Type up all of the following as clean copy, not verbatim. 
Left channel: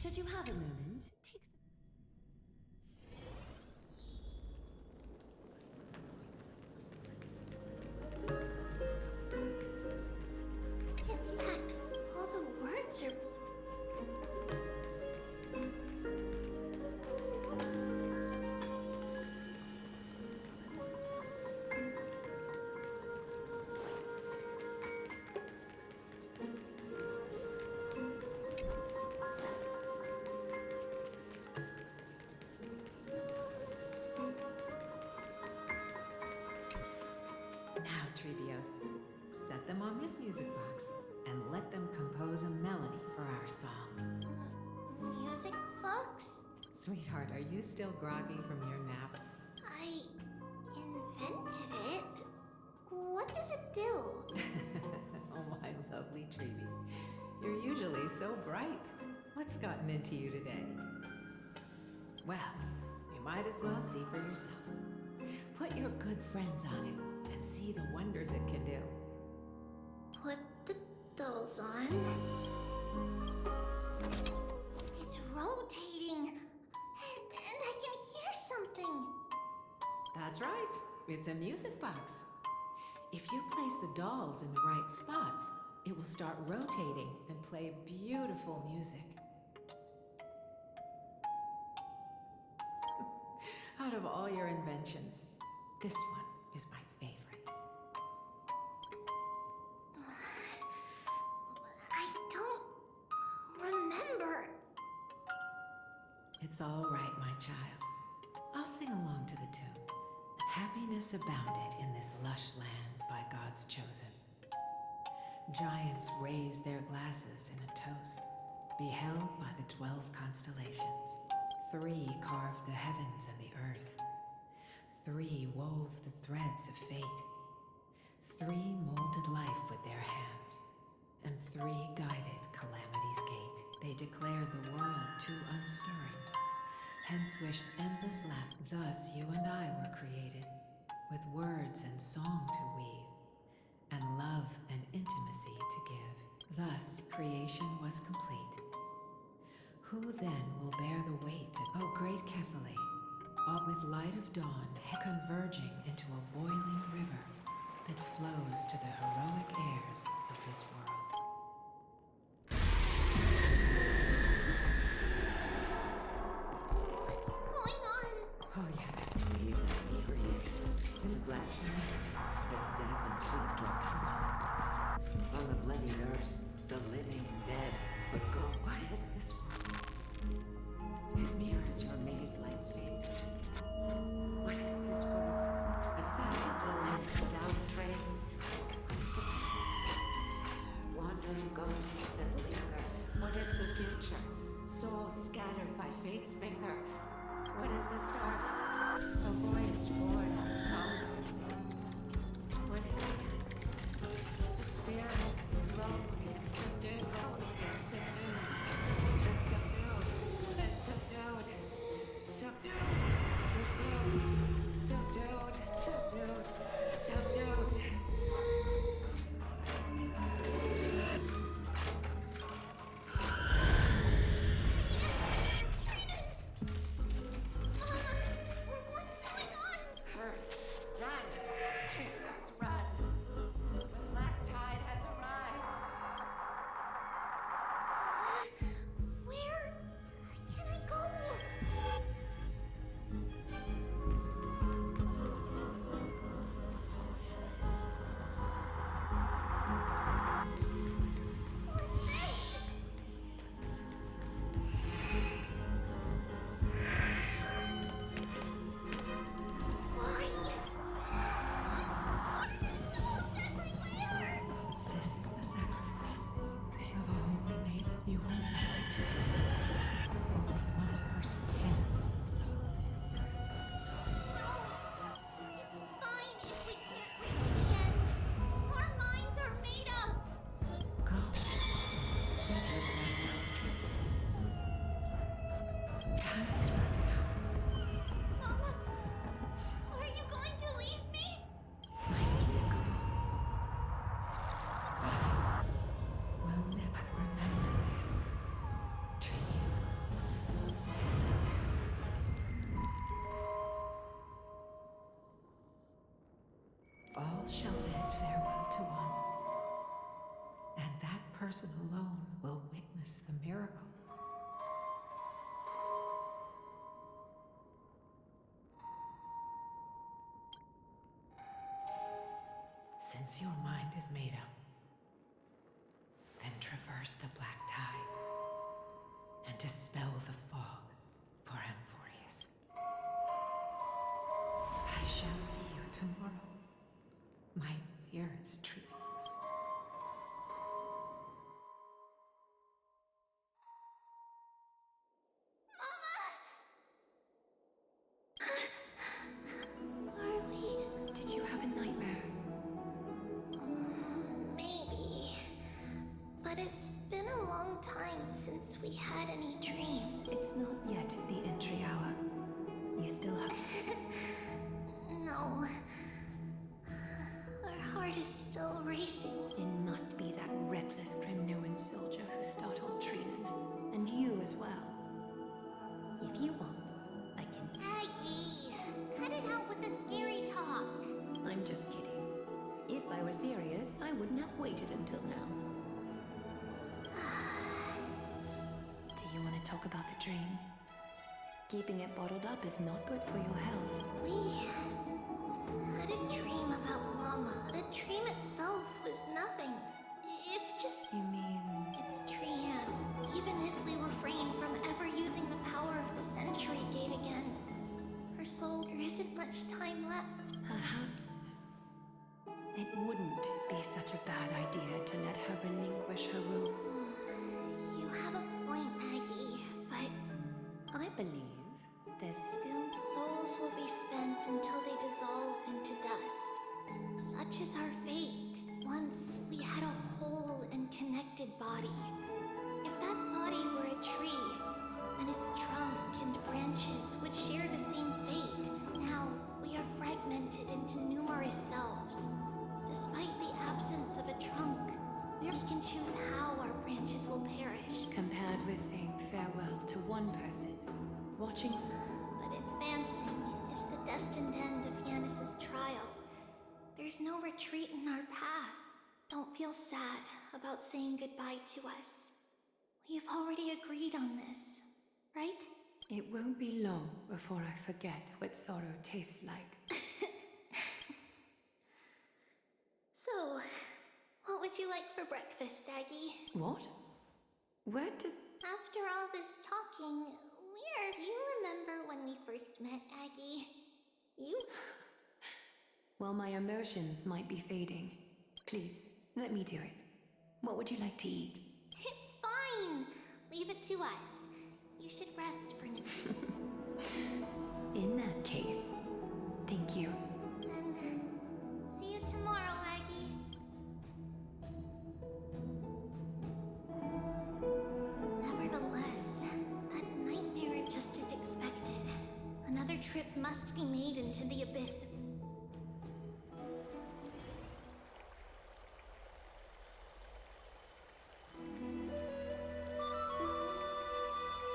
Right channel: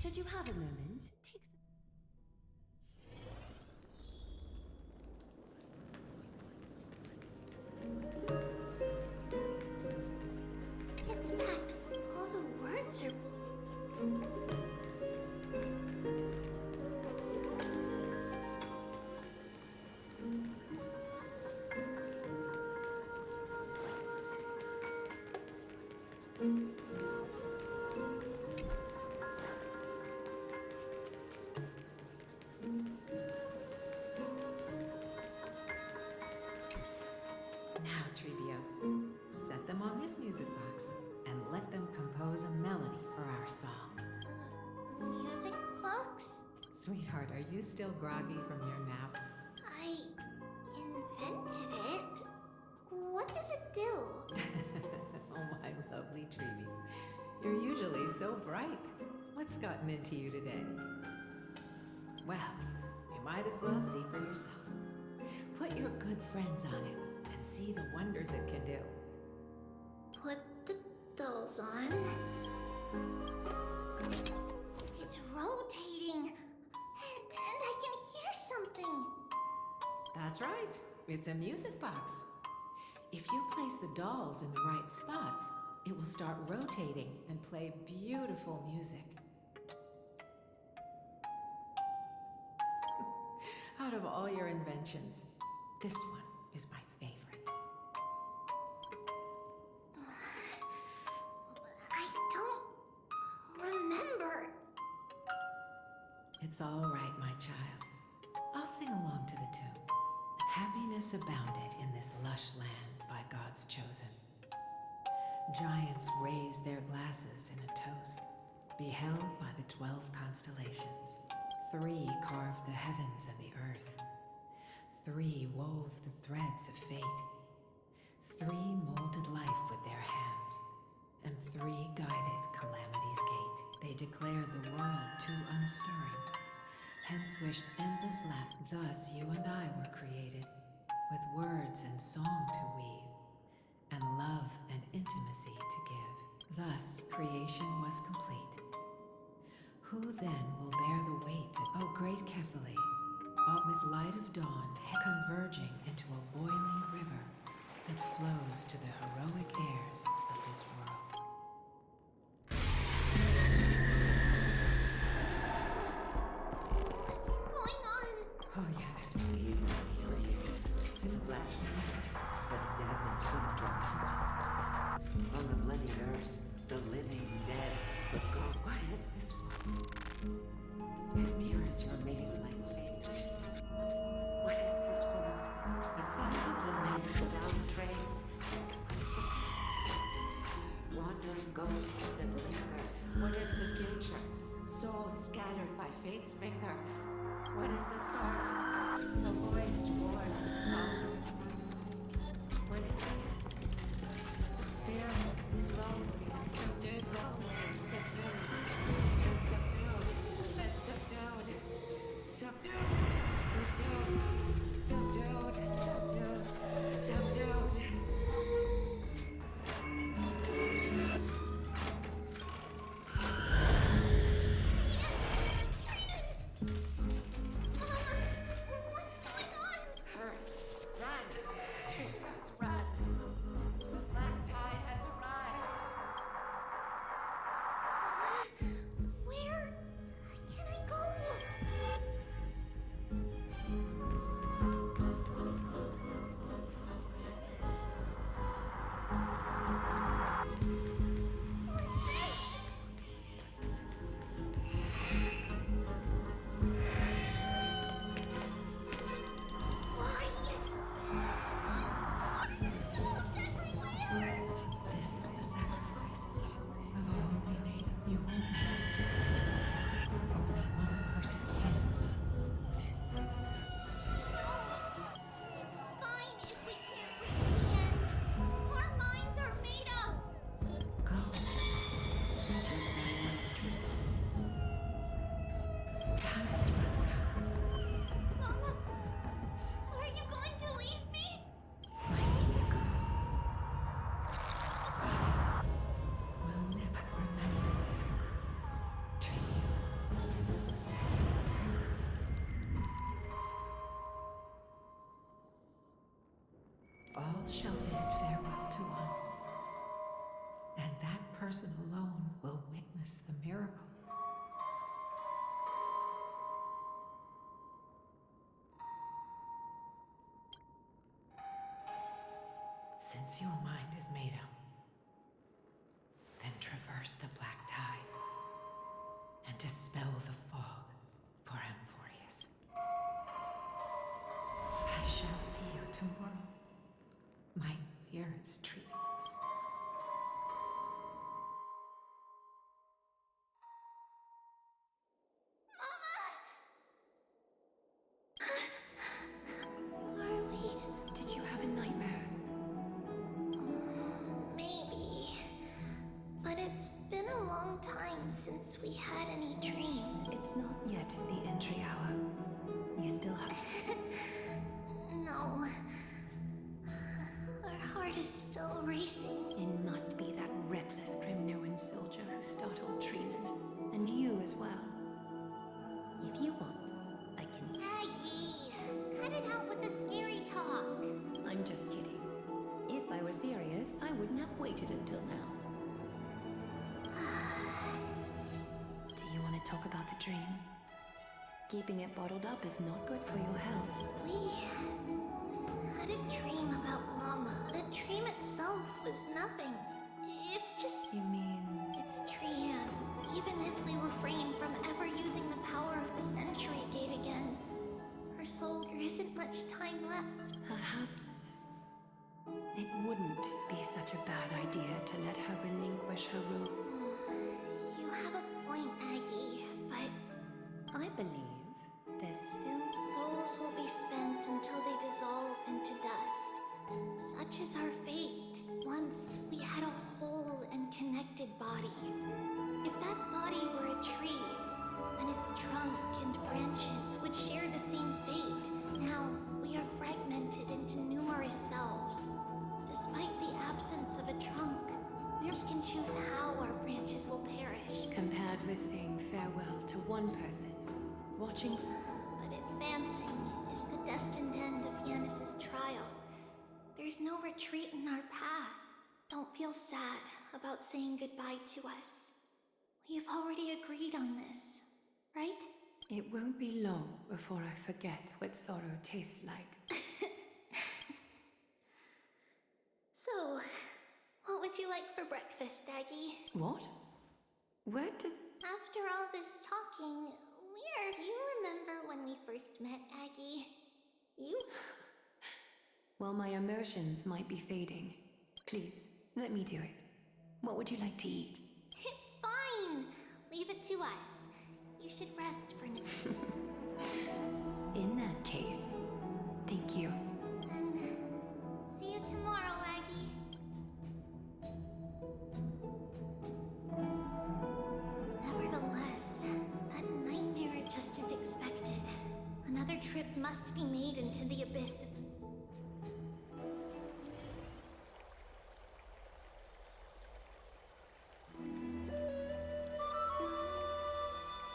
Should you have a moment, take some. It's packed. All the words are Now, Treebios, set them on this music box and let them compose a melody for our song. music box? Sweetheart, are you still groggy from your nap? I invented it. What does it do? Oh, my lovely Treeby. You're usually so bright. What's gotten into you today? Well, you might as well see for yourself. Put your good friends on it and see the wonders it can do. Put the dolls on. It's rotating. And I can hear something. That's right. It's a music box. If you place the dolls in the right spots, it will start rotating and play beautiful music. Out of all your inventions, this one is my favorite. I don't remember. It's all right, my child. I'll sing along to the tune. Happiness abounded in this lush land by God's chosen. Giants raised their glasses in a toast, beheld by the 12 constellations. 3 carved the heavens and the earth. 3 wove the threads of fate. 3 molded life with their hands. And 3 guided calamity's gate. They declared the world too unstirring, hence wished endless laughter. Thus you and I were created, with words and song to weave, and love and intimacy to give. Thus creation was complete. Who then will bear the weight of, O great Kephale, all with light of dawn converging into a boiling river that flows to the heroic airs of this world? What's going on? Oh yes, please let me your ears. In the black mist, as death and fleet drops. On the bloodied earth, the living dead. But go, what is this world? It mirrors your maze-like fate. What is this world? A silent lament without a trace. What is the past? Wandering ghosts that linger. What is the future? Souls scattered by fate's finger. What is the start? A voyage born in solitude. What is the end? A spirit, lonely and subdued, lonely and subdued, and subdued, and subdued, subdued, subdued, subdued, subdued, subdued. What's going on? Hurry, run! Treehouse, run! The black tide has arrived! Where can I go? What's this? Why? Wolves everywhere! This is the sacrifice. Of all we made, you won't make it to the end. Only one person can. No, it's fine if we can't reach the end. Our minds are made up. Go. Let your farewell streams. Time is running out. Mama, are you going to leave me? My sweet girl. We'll never remember this. Treehouse. person alone will witness the miracle. Since your mind is made up, then traverse the black tide and dispel the fog for Amphoreus. I shall see you tomorrow, my dearest Trios. Are we? Did you have a nightmare? Maybe. But it's been a long time since we had any dreams. It's not yet the entry hour. You still have... No. Our heart is still racing. It must be that reckless Kremnoan soldier who startled Trinan. And you as well. If you want, I can... Aggie, cut it out with the scary talk. I'm just kidding. If I were serious, I wouldn't have waited until now. Do you want to talk about the dream? Keeping it bottled up is not good for your health. We had a dream about Mama. The dream itself was nothing. It's just... You mean... It's Trian. Even if we refrain from ever using the power of the Century Gate again, her soul, there isn't much time left. Perhaps it wouldn't be such a bad idea to let her relinquish her rule. You have a point, Aggie, but I believe there's still... souls will be spent until they dissolve into dust. Such is our fate. Once we had a whole and connected body. If that body were a tree, and its trunk and branches would share the same fate, now we are fragmented into numerous selves. Despite the absence of a trunk, we can choose how our branches will perish. compared with saying farewell to one person, watching... But advancing is the destined end of Yanis's trial. There's no retreat in our path. Don't feel sad about saying goodbye to us. We've already agreed on this, right? It won't be long before I forget what sorrow tastes like. So, what would you like for breakfast, Aggie? What? Where did... After all this talking, do you remember when we first met, Aggie? You? Well, my emotions might be fading. Please, let me do it. What would you like to eat? It's fine. Leave it to us. You should rest for now. In that case, thank you. Then, see you tomorrow, Aggie. Nevertheless, that nightmare is just as expected. Another trip must be made into the abyss.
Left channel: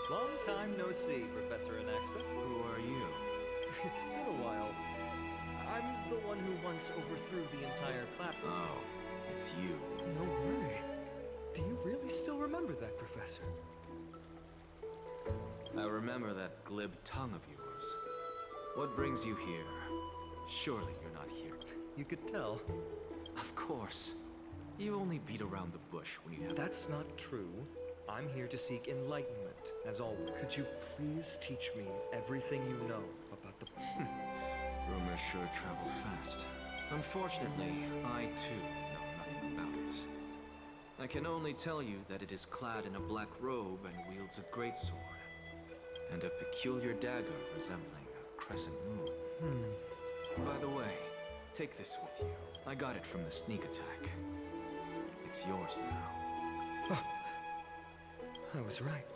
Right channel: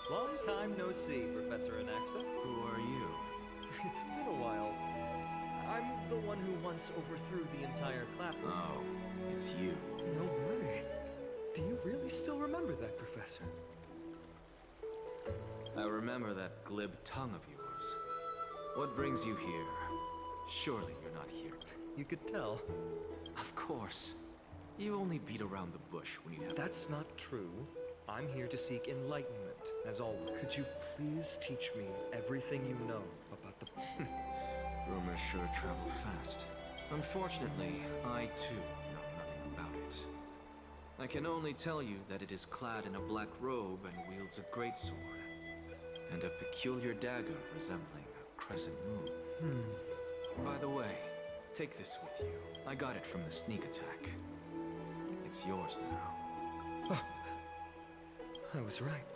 Long time no see, Professor Anaxa. Who are you? It's been a while. I'm the one who once overthrew the entire clap. Oh, it's you. No way. Do you really still remember that, Professor? I remember that glib tongue of yours. What brings you here? Surely you're not here. You could tell. Of course. You only beat around the bush when you have... That's not true. I'm here to seek enlightenment, as always. Could you please teach me everything you know about the... Rumors sure travel fast. Unfortunately, I too know nothing about it. I can only tell you that it is clad in a black robe and wields a greatsword, and a peculiar dagger resembling a crescent moon. By the way, take this with you. I got it from the sneak attack. It's yours now. I was right.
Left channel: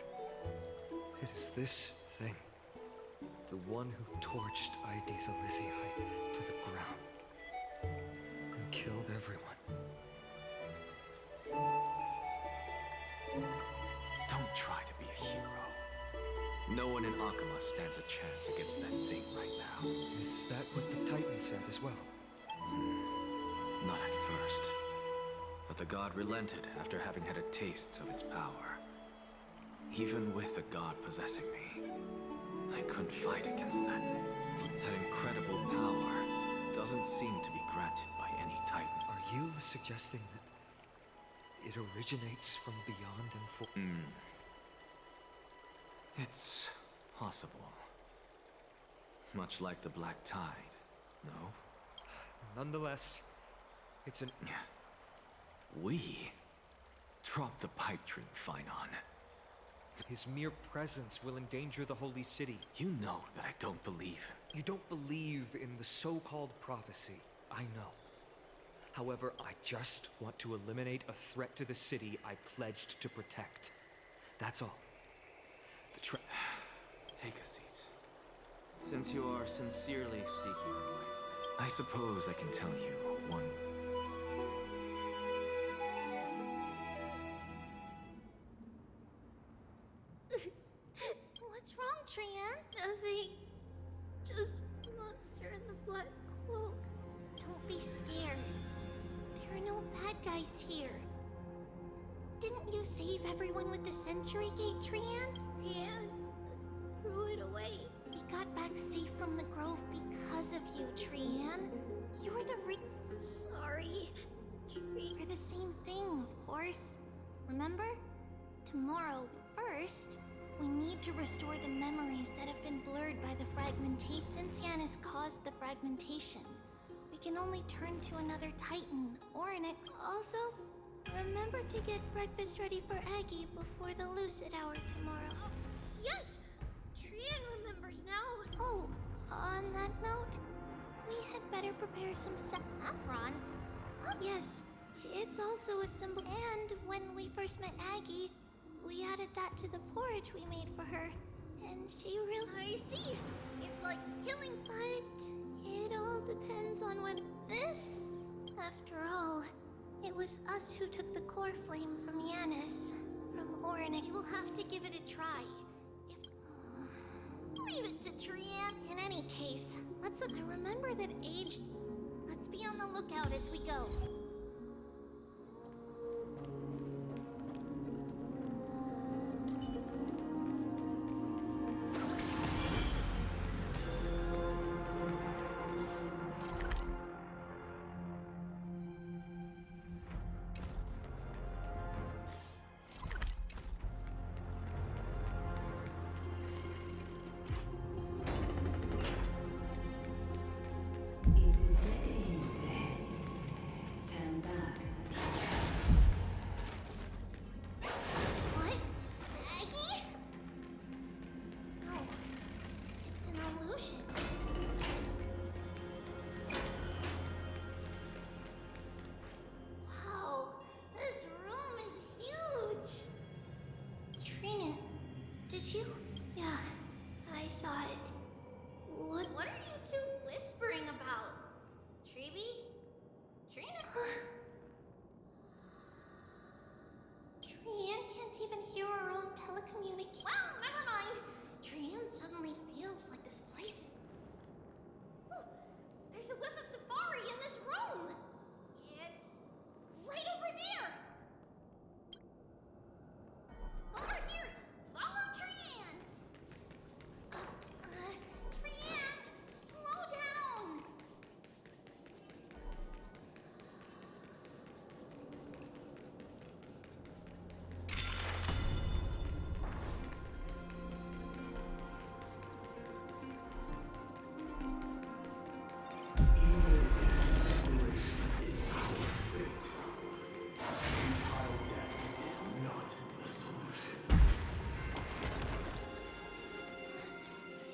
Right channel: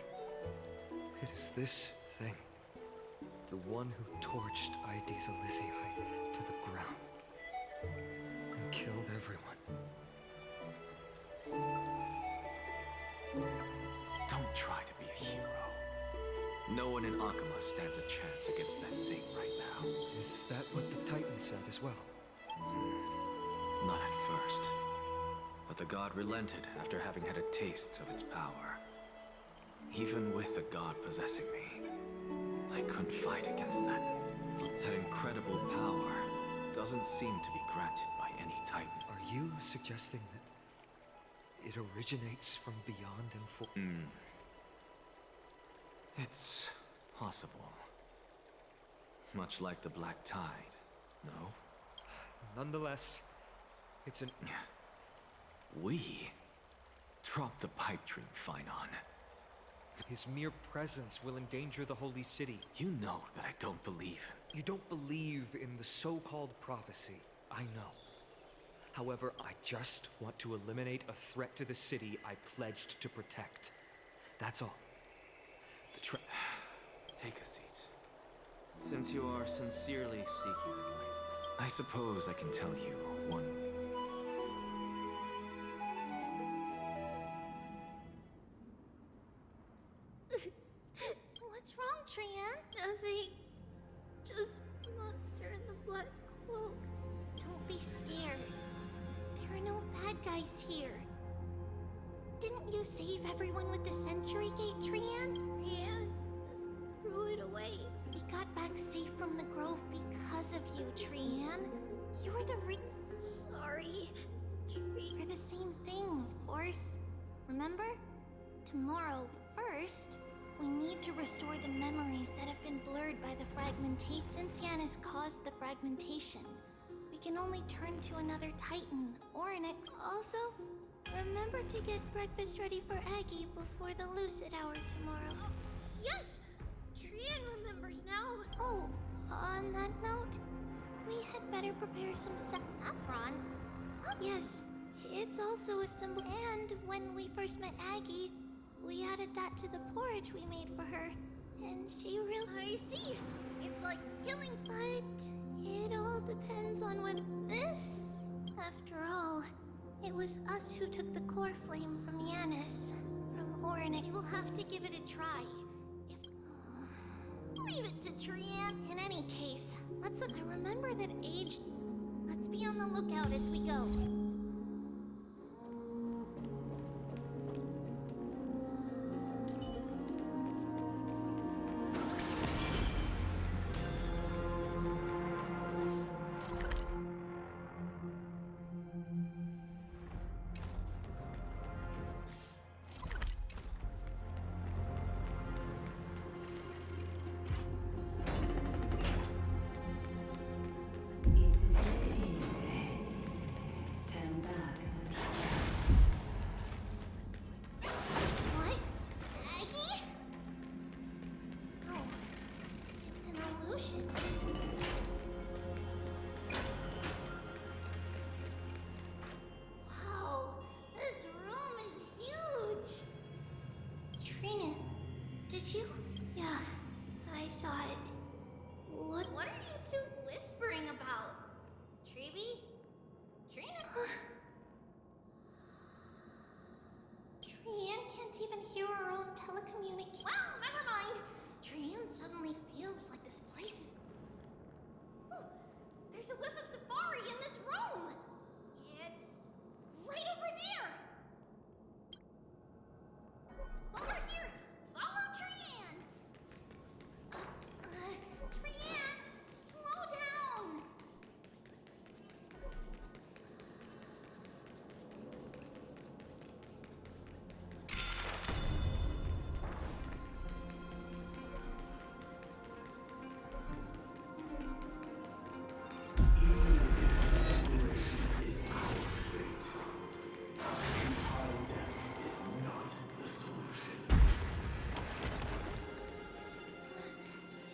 It is this thing. The one who torched ID's Elysiae to the ground. And killed everyone. Don't try to be a hero. No one in Akama stands a chance against that thing right now. Is that what the Titan said as well? Not at first. But the god relented after having had a taste of its power. Even with the god possessing me, I couldn't fight against that. That incredible power doesn't seem to be granted by any titan. Are you suggesting that it originates from beyond Amphoreus? It's possible. Much like the Black Tide, no? Nonetheless, it's an... We? Drop the pipe dream, Phynon. His mere presence will endanger the holy city. You know that I don't believe. You don't believe in the so-called prophecy, I know. However, I just want to eliminate a threat to the city I pledged to protect. That's all. Take a seat. Since you are sincerely seeking enlightenment, I suppose I can tell you one. What's wrong, Trian? Nothing. Just a monster in the black cloak. Don't be scared. There are no bad guys here. Didn't you save everyone with the Century Gate, Trian? Trian threw it away. We got back safe from the Grove because of you, Trian. You're the Sorry. You're the same thing, of course. Remember? Tomorrow, first, we need to restore the memories that have been blurred by the fragmentation. Since Yanis caused the fragmentation, we can only turn to another Titan or an ex. Also, remember to get breakfast ready for Aggie before the Lucid Hour tomorrow. Oh, yes! Trian remembers now. Oh, on that note, we had better prepare some saffron. Huh? Yes, it's also a symbol. And when we first met Aggie, we added that to the porridge we made for her. And she really... I see. It's like killing, but it all depends on what this... After all, it was us who took the core flame from Yanis. From Ornick. We will have to give it a try. Leave it to Trian. In any case, let's look. I remember that aged... Let's be on the lookout as we go. It's a dead end ahead. Turn back, teacher. What? Aggie? No. It's an illusion. Wow. This room is huge. Trina, did you? Yeah, I saw it. What are you two whispering about? Treeby? Trina? Trian can't even hear our own telecommunication. Well, never mind. Trian suddenly feels like this place is... Oh, there's a whiff of safari in this room. It's right over there. Over here. Follow Trian. Trian, slow down. Is our fate. Futile death is not the solution.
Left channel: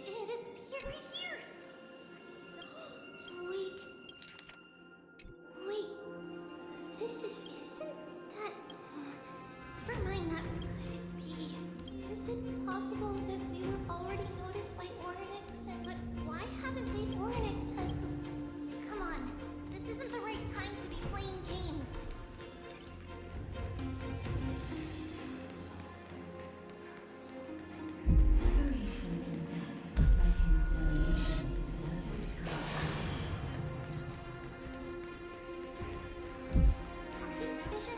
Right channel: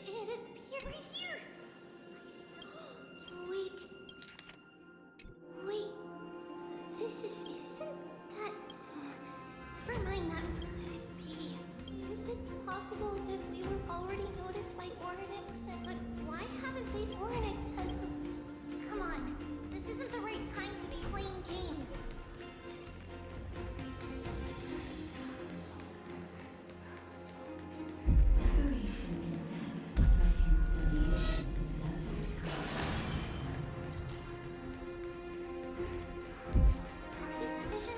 It appeared right here. I saw... Wait. Wait. Isn't that... Never mind that. Could it be? Is it possible that we were already noticed by Ornix and... But why haven't they... Ornix has the... Come on. This isn't the right time to be playing games. Separation in death, reconciliation doesn't come. Are these visions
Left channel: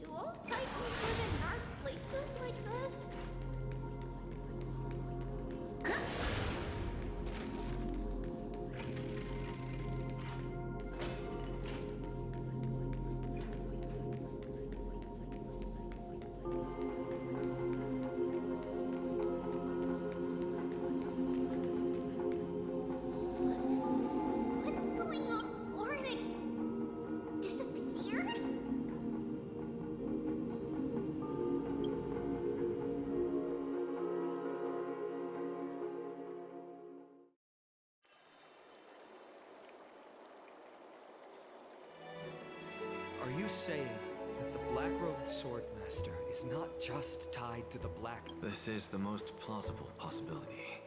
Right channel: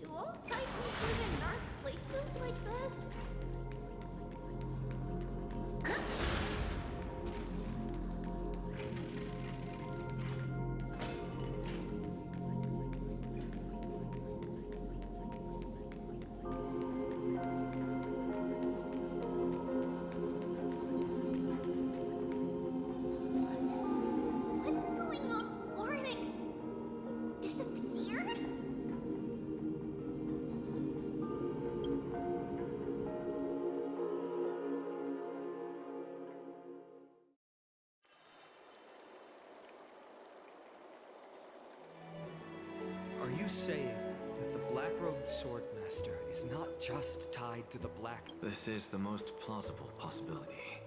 Do all Titans live in dark places like this? What's going on? Oryx disappeared? Are you saying that the black-robed swordmaster is not just tied to the black? This is the most plausible possibility.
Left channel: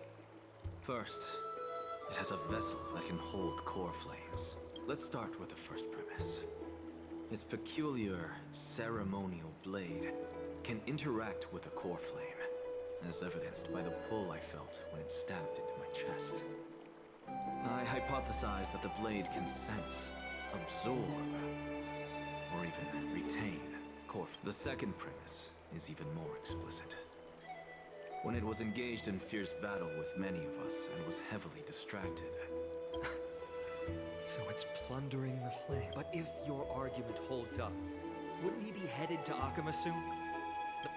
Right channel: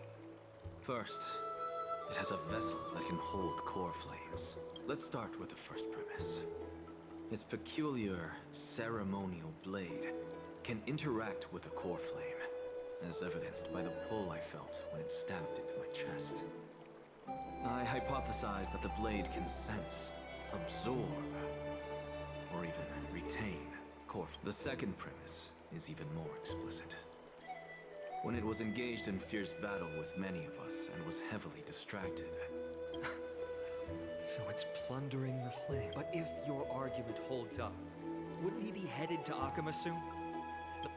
First, it has a vessel that can hold core flames. Let's start with the first premise. Its peculiar ceremonial blade can interact with a core flame, as evidenced by the pull I felt when it stabbed into my chest. I hypothesize that the blade can sense, absorb, or even retain core. The second premise is even more explicit. When it was engaged in fierce battle with many of us and was heavily distracted. So it's plundering the flame. But if your argument holds up, wouldn't he be headed to Akama soon?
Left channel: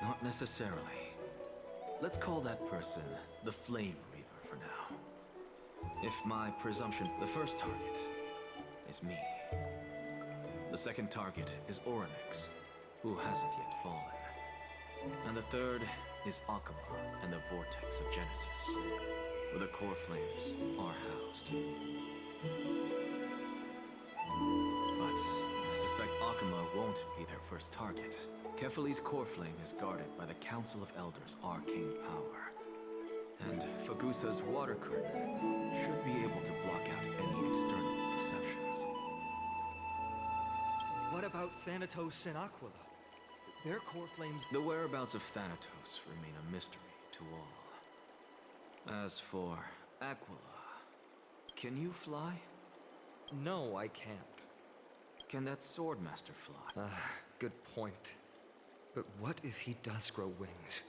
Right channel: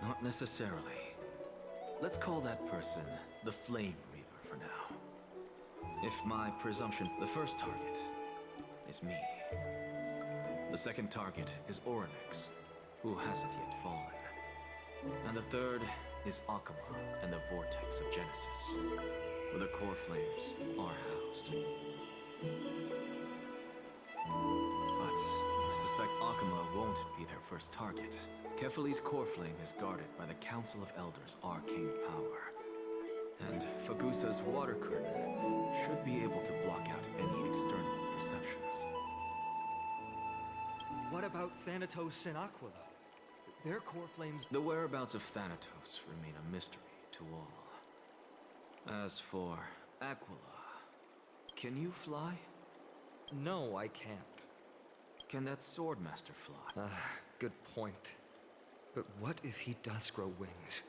Not necessarily. Let's call that person the Flame Reaver for now. If my presumption, the first target is me. The second target is Oryx, who hasn't yet fallen. And the third is Akama and the Vortex of Genesis, where the core flames are housed. But I suspect Akama won't be their first target. Kefali's core flame is guarded by the Council of Elders' arcane power. And Fagusa's water curtain should be able to block out any external perceptions. What about Thanatos and Aquila? Their core flames... The whereabouts of Thanatos remain a mystery to all. As for Aquila, can you fly? No, I can't. Can that Swordmaster fly? Good point. But what if he does grow wings?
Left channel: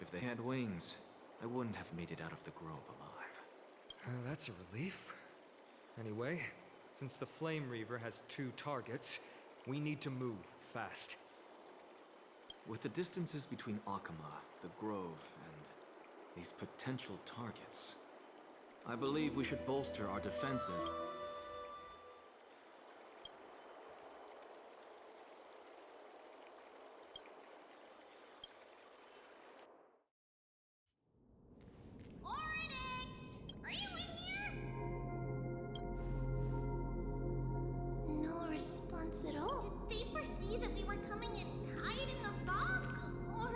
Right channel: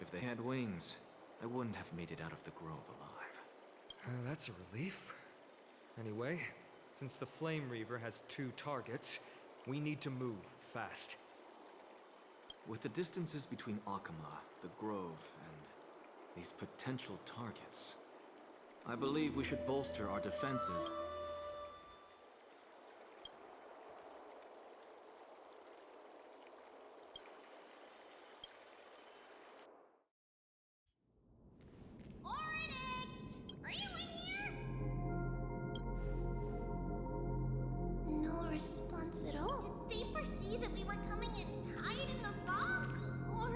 If they had wings, I wouldn't have made it out of the grove alive. That's a relief. Anyway, since the Flame Reaver has 2 targets, we need to move fast. With the distances between Akama, the grove, and these potential targets, I believe we should bolster our defenses. Oryx! Are you in here? No response at all. Did they foresee that we were coming and hide in the fog? Or...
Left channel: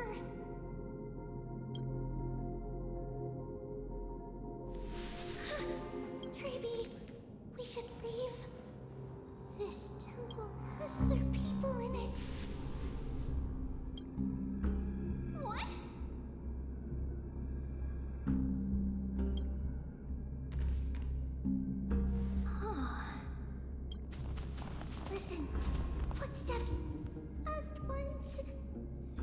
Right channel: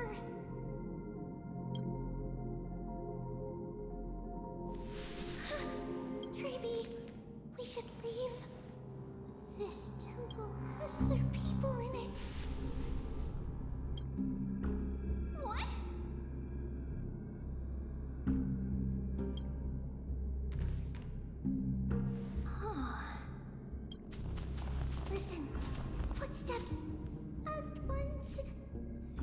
Treeby, we should leave. This temple has other people in it. What? Listen, footsteps. Fast ones.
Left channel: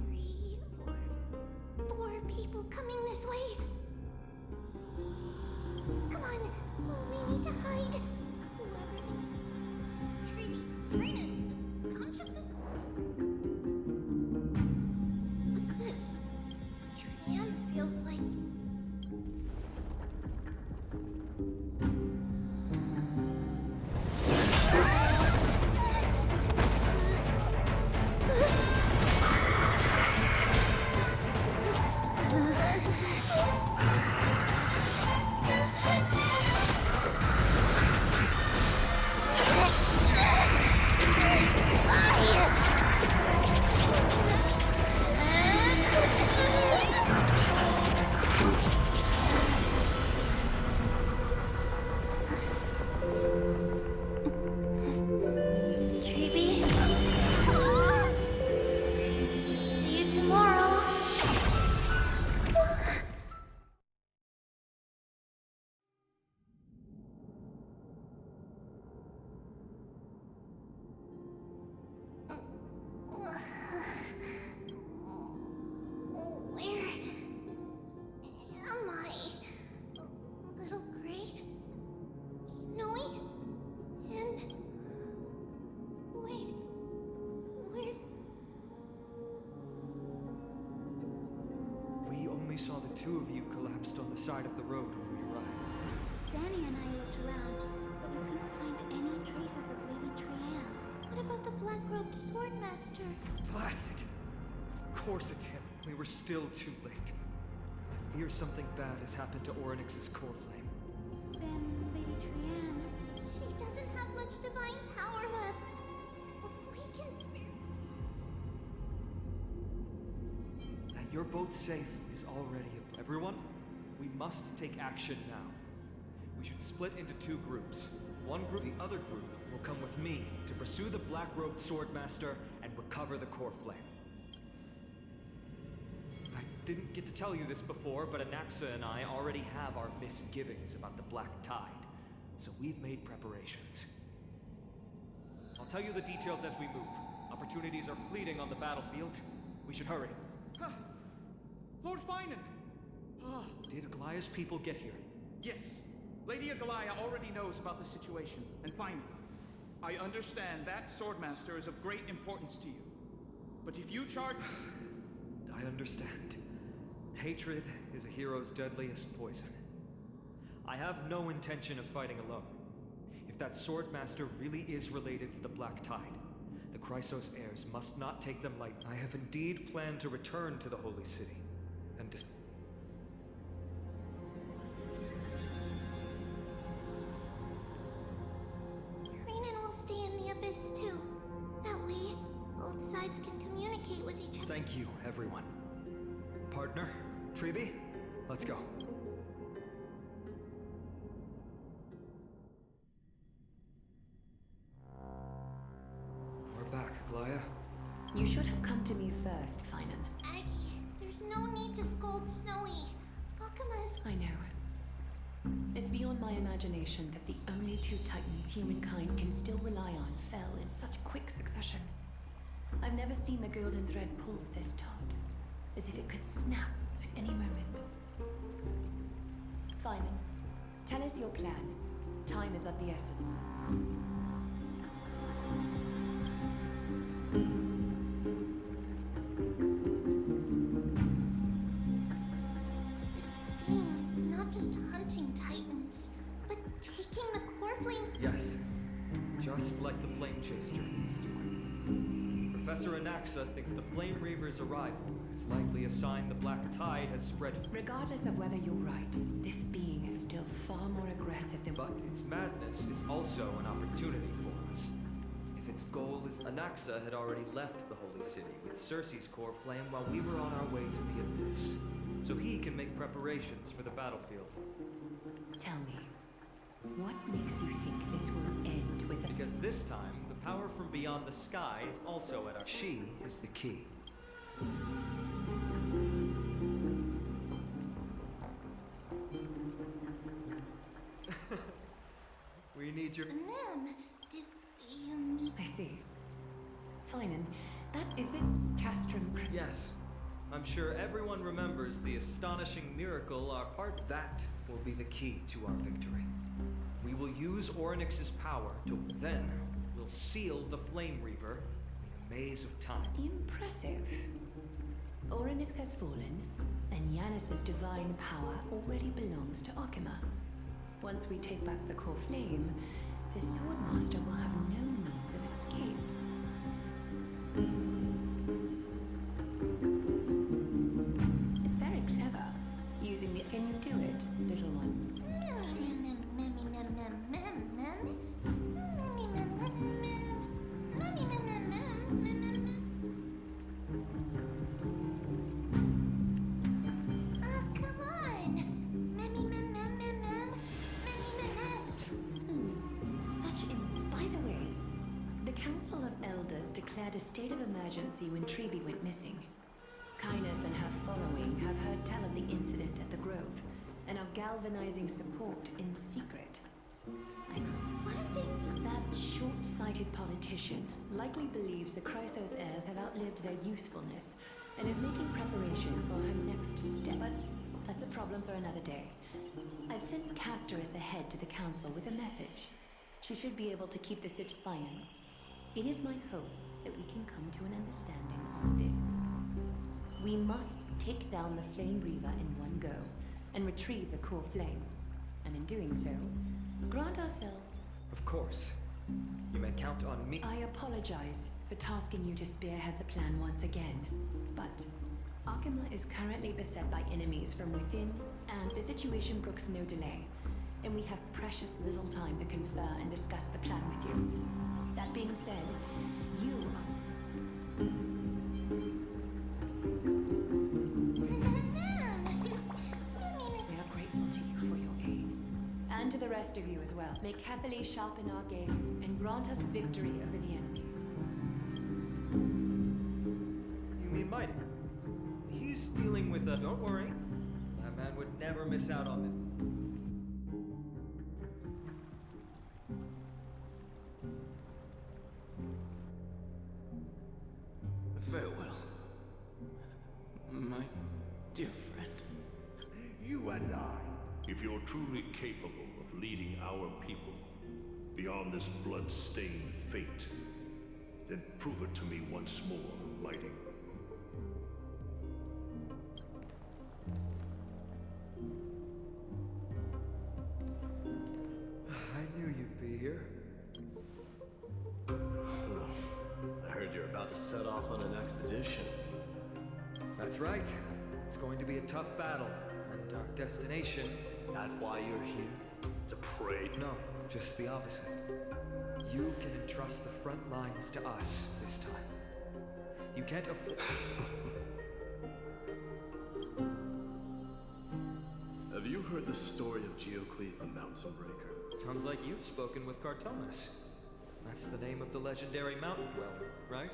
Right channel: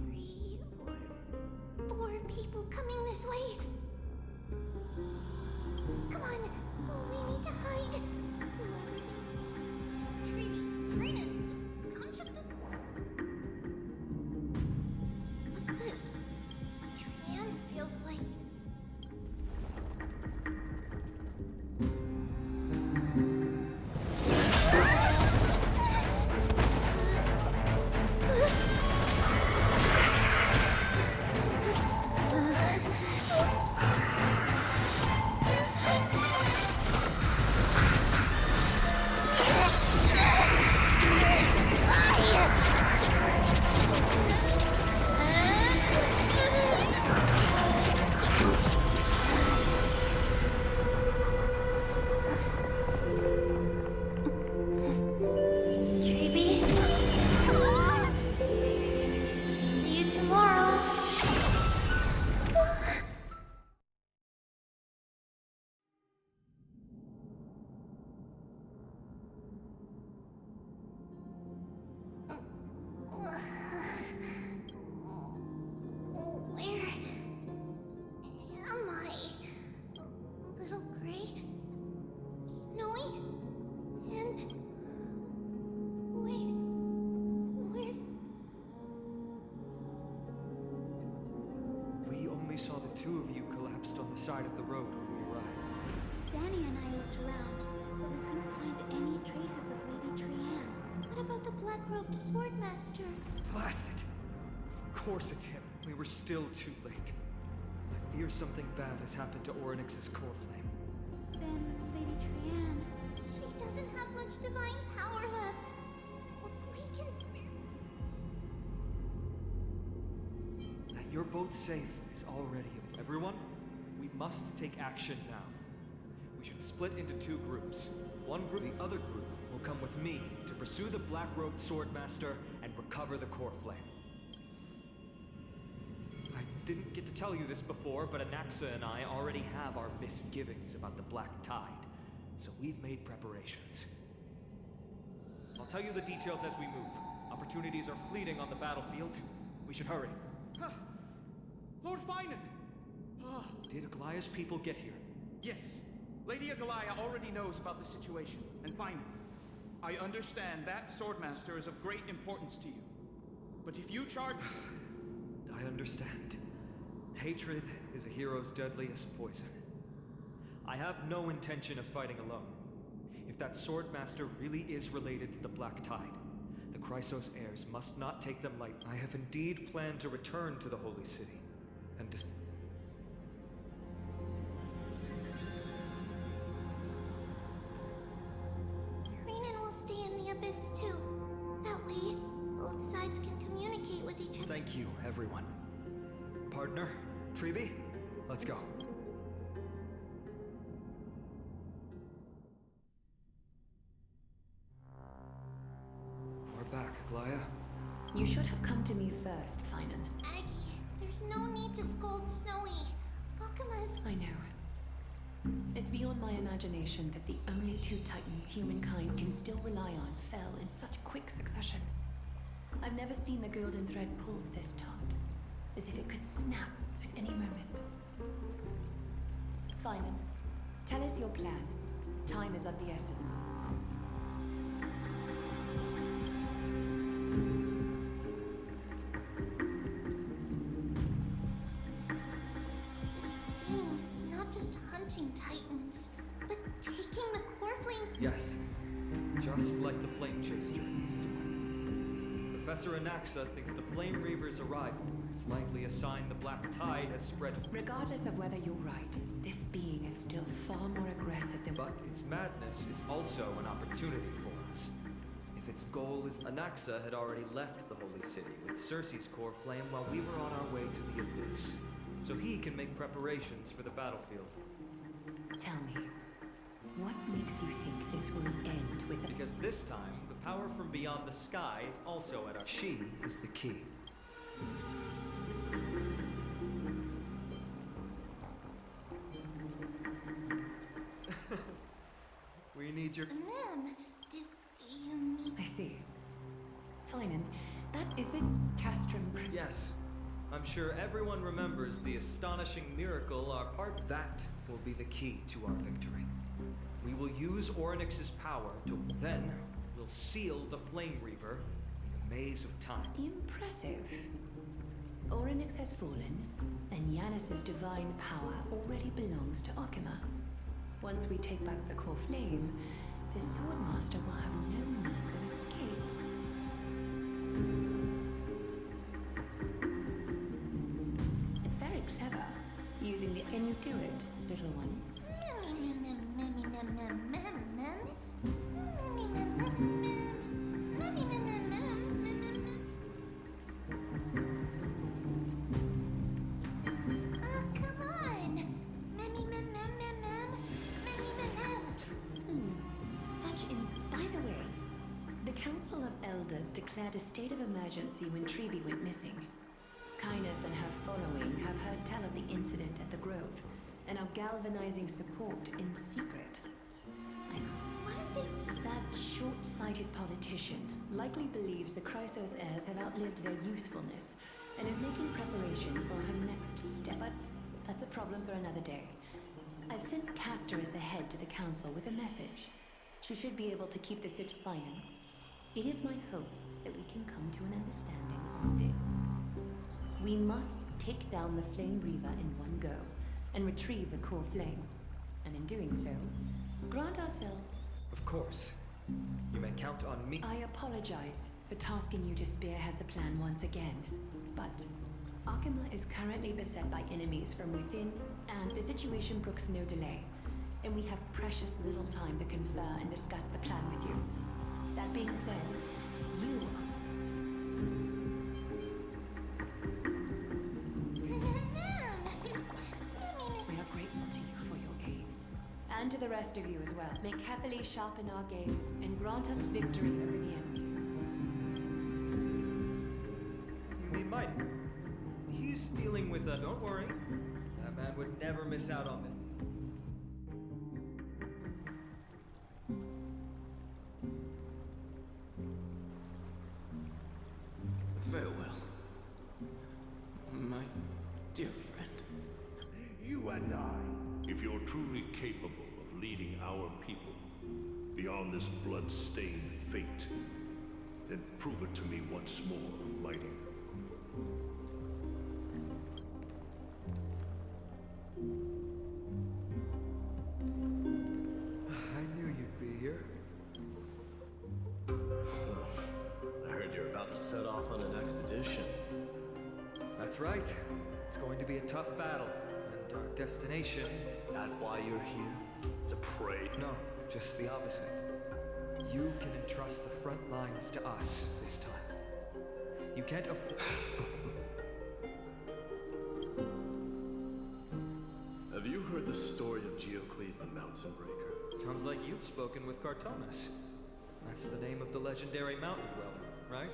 3 or 4 people coming this way. Come on, we need to hide. Whoever they... Treeby, Trina, come check this. What's this? Trian feels like... only saw the two of you collapsed on the side of the road when we arrived. Danny and I looked around, but we couldn't find any traces of Lady Trianne. What about the black-robed swordmaster? Blast it! Of course it's him. We were still too late. I fear something bad has happened to Orynyx's core flame. Then Lady Trianne... She doesn't have much divine power left. We can... That you're both safe is already a... Everyone, we must take action now. We should split into two groups. One group, the other group, will come with me to pursue the black-robed swordmaster and recover the core flame. I didn't get to tell you this before, but Anaxa and I already have our misgivings about the Black Tide, so we've made preparations. I'll tell you the details as we move. Opportunities are fleeting on the battlefield. We should hurry. Lord Finan! Did Aglaya's people get here? Yes. Lady Aglaya already knows about the situation, and Finan. I understand that Swordmaster is of great importance to you. But if you charge... I understand. Hatred is a hero's deadliest poison. I have no intention of fighting alone. If that Swordmaster really is related to the Black Tide, the Chrysos heirs must not take them lightly. I have indeed planned to return to the Holy City, and Renan will stay in the Abyss too. That way, both sides can communicate with each other. Thank you, everyone. Partner, Treeby, let's go. We're back, Aglaya. You should have come to me first, Finan. Aggie, there's no need to scold Snowy. Akuma's... I know. It's beyond my imagination that the only two titans humankind can still rely on fell in such quick succession. I've never seen the golden thread pulled this taut, as if it could snap at any moment. Finan, tell us your plan. Time is of the essence. This being is not just hunting titans, but taking the core flames... Yes, just like the Flame Chase journey is doing. Professor Anaxa thinks the Flame Reaver's arrival is likely a sign the Black Tide has spread. Regardless of whether you're right, this being is still far more aggressive than... But its madness is also an opportunity for us. If its goal is... Anaxa had already left the Holy City with Circe's core flame while we were on our way to the Abyss. So he can make preparations for the battlefield. Tell me, what makes you think this will end with a... Because this time, the power from beyond the sky is also at our... She is the key. We need your... Ma'am, do you mean... I see. Finan, that is it, Castrum... Yes. I'm sure everyone remembers the astonishing miracle our part... That will be the key to our victory. We will use Orynyx's power to... Then, we'll seal the Flame Reaver in the maze of time. Impressive. Orynyx has fallen, and Yanis's divine power already belongs to Akima. Once we take back the core flame, the Swordmaster will have no means of escape. It's very clever, using the... Can you do it, little one? Come on! By the way, the Council of Elders declared a state of emergency when Treeby went missing. Kainos and her following have heard tell of the incident at the Grove, and are galvanizing support in secret. What are they... That short-sighted politician likely believes the Chrysos heirs have outlived their usefulness, and is making preparations for her next step. But that's a problem for another day. I've sent Castorus ahead to the Council with a message. She should be able to keep the situation final. It is my hope that we can come to an understanding on this. We must take down the Flame Reaver in one go and retrieve the core flame. And in doing so, grant ourselves... Of course. You may count on me. I apologize for tasking you to spearhead the plan once again, but Akima is currently beset by enemies from within, and the situation brooks no delay. And we have precious little time to confer and discuss the plan with you. That being said, you We are grateful to you for your aid. And to the rest of you as well. May carefully sharpen our gaze and grant us victory over the enemy. You mean Mighty? He's dealing with a... Don't worry. That man would never miss out on this. Farewell, my dear friend. You and I, if you're truly capable of leading our people beyond this blood-stained fate, then prove it to me once more, Mighty. I knew you'd be here. I heard you're about to set off on an expedition. That's right. It's going to be a tough battle, and our destination... Is that why you're here? To pray to... No, just the opposite. You can entrust the front lines to us this time. You can't afford... Have you heard the story of Geocles the Mountain Breaker? Sounds like you've spoken with Cartonus. That's the name of the legendary mountain dweller, right?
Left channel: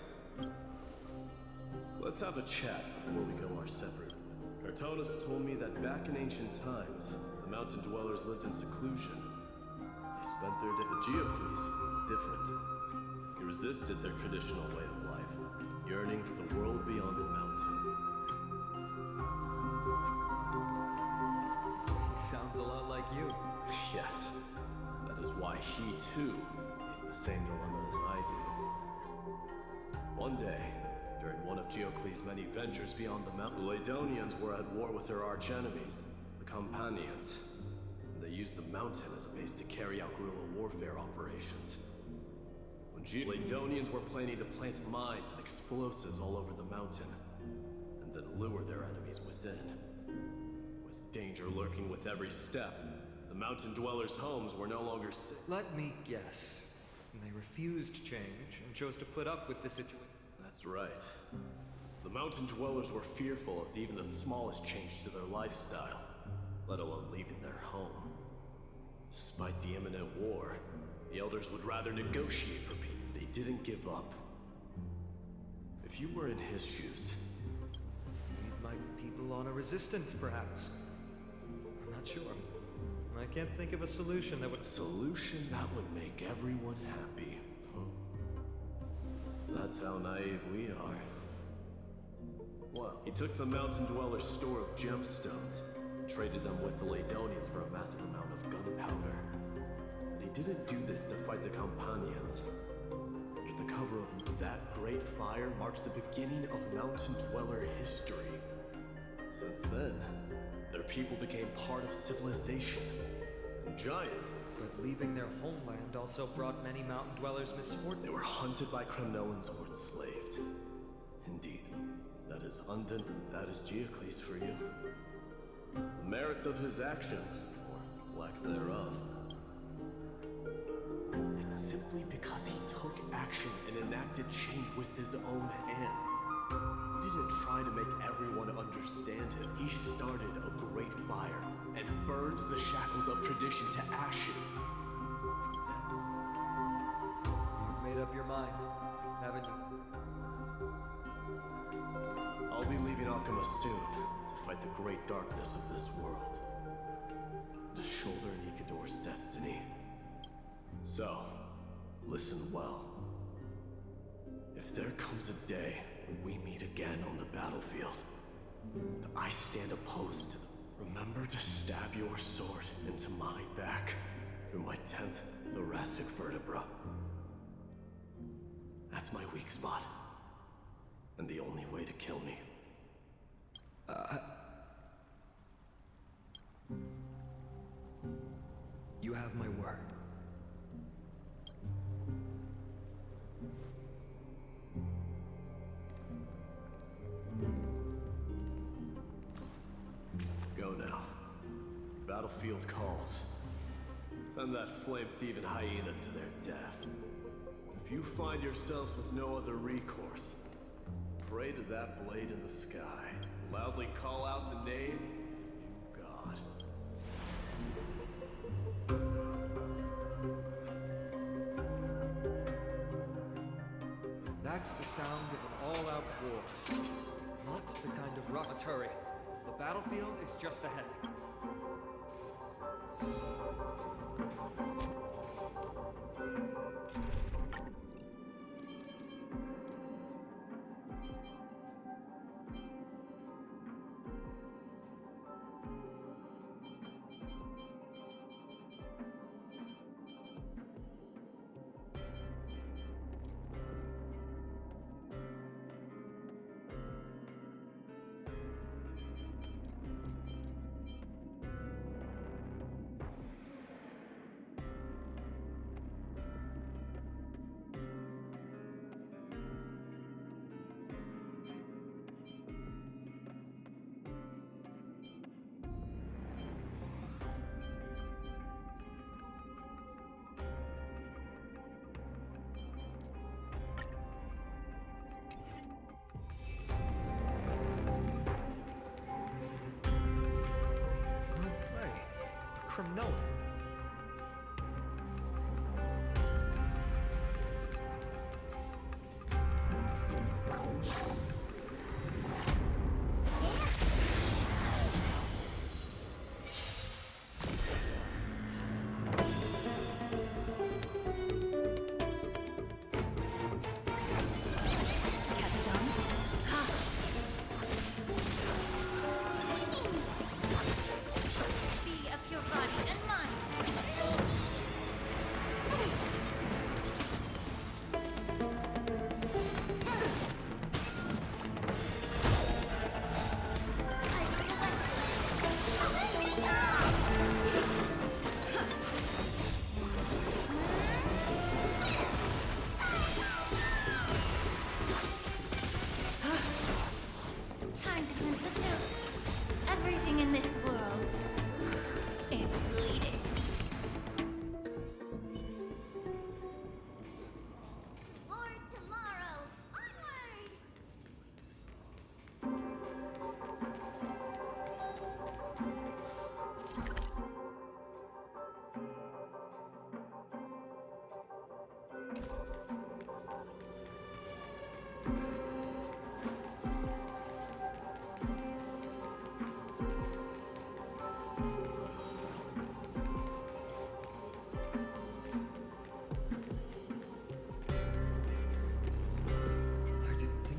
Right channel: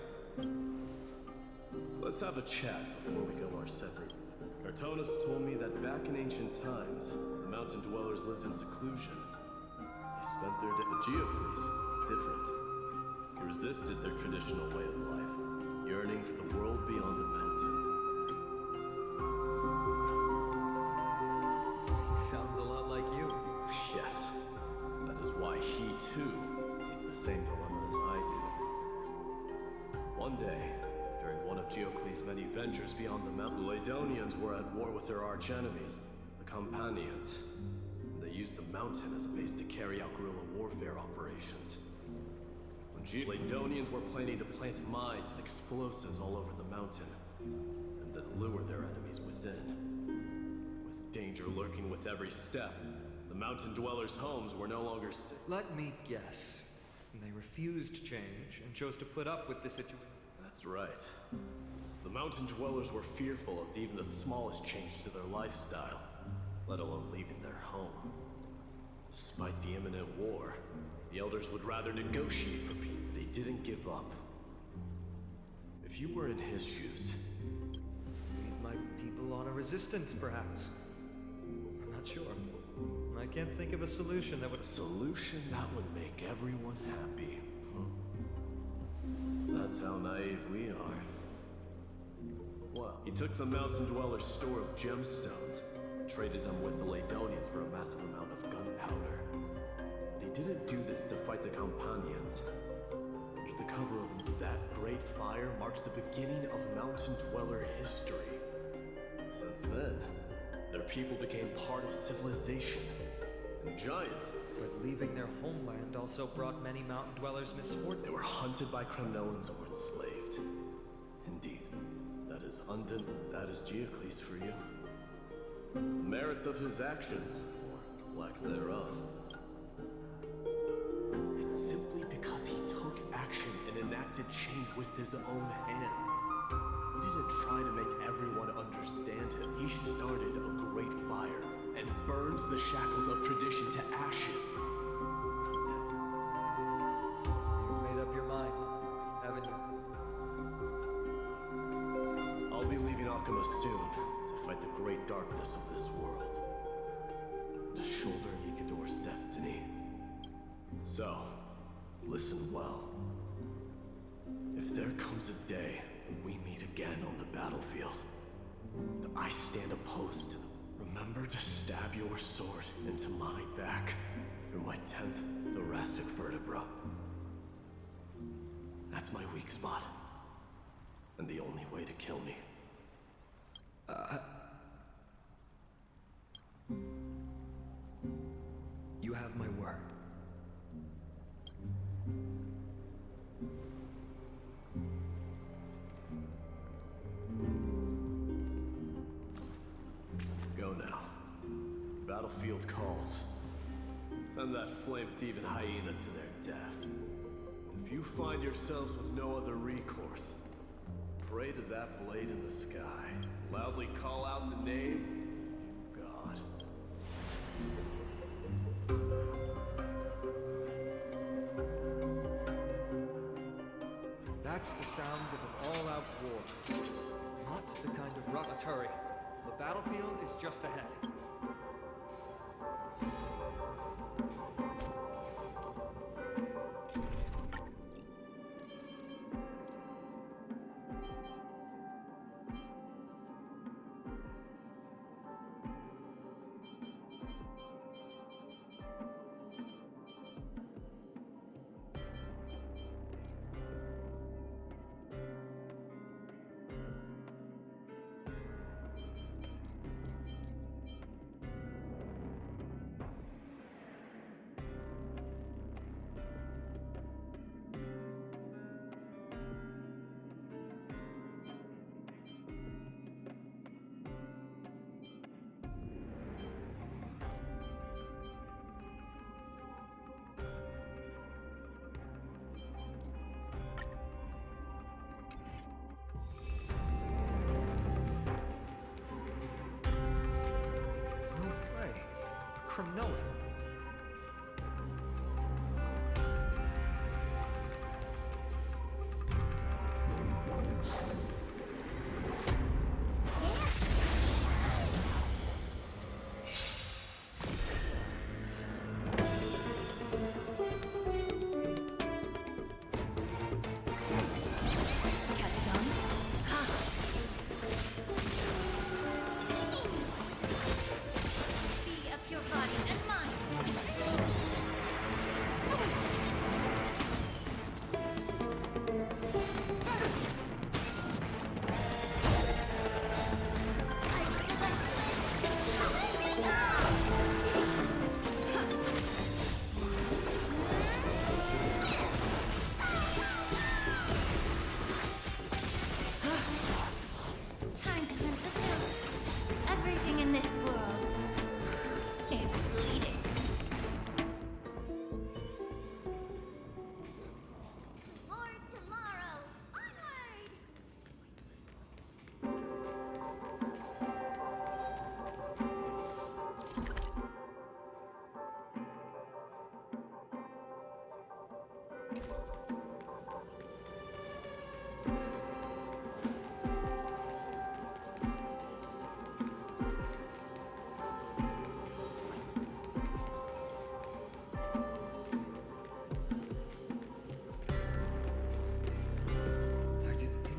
Let's have a chat before we go our separate ways. Cartonus told me that back in ancient times, the mountain dwellers lived in seclusion. They spent their day... But Geocles was different. He resisted their traditional way of life, yearning for the world beyond the mountain. He sounds a lot like you. Yes, that is why he too is the same dilemma as I do. One day, during one of Geocles' many ventures beyond the mountain, the Ladonians were at war with their arch-enemies, the Companions, and they used the mountain as a base to carry out guerrilla warfare operations. When Ladonians were planning to plant mines and explosives all over the mountain, and then lure their enemies within. With danger lurking with every step, the mountain dwellers' homes were no longer safe. Let me guess. They refused change and chose to put up with the situation. That's right. The mountain dwellers were fearful of even the smallest change to their lifestyle, let alone leaving their home. Despite the imminent war, the elders would rather negotiate for peace. They didn't give up. If you were in his shoes... Lead my people on a resistance, perhaps. I'm not sure. I can't think of a solution that would... A solution that would make everyone happy. That's how naive we are. Well, he took the mountain dweller's store of gemstones, and traded them with the Ladonians for a massive amount of gunpowder. But he didn't do this to fight the Companions. Under the cover of that great fire marks the beginning of mountain dweller history. Since then, their people became part of civilization. And giant. But leaving their homeland also brought many mountain dwellers misfortune. They were hunted by Kremnoans or enslaved. Indeed, that is undone. That is Geocles for you. The merits of his actions, or lack thereof. It's simply because he took action and enacted change with his own hands. He didn't try to make everyone understand him. He started a great fire and burned the shackles of tradition to ashes. You've made up your mind, haven't you? I'll be leaving Akima soon to fight the great darkness of this world. To shoulder Nikador's destiny. So, listen well. If there comes a day when we meet again on the battlefield, that I stand opposed to them, remember to stab your sword into my back through my 10th thoracic vertebra. That's my weak spot, and the only way to kill me. You have my word. Go now. Battlefield calls. Send that flame-thieving hyena to their death. If you find yourselves with no other recourse, pray to that blade in the sky. Loudly call out the name of the new god. That's the sound of an all-out war. Not the kind of rock. Let's hurry. The battlefield is just ahead. From nowhere.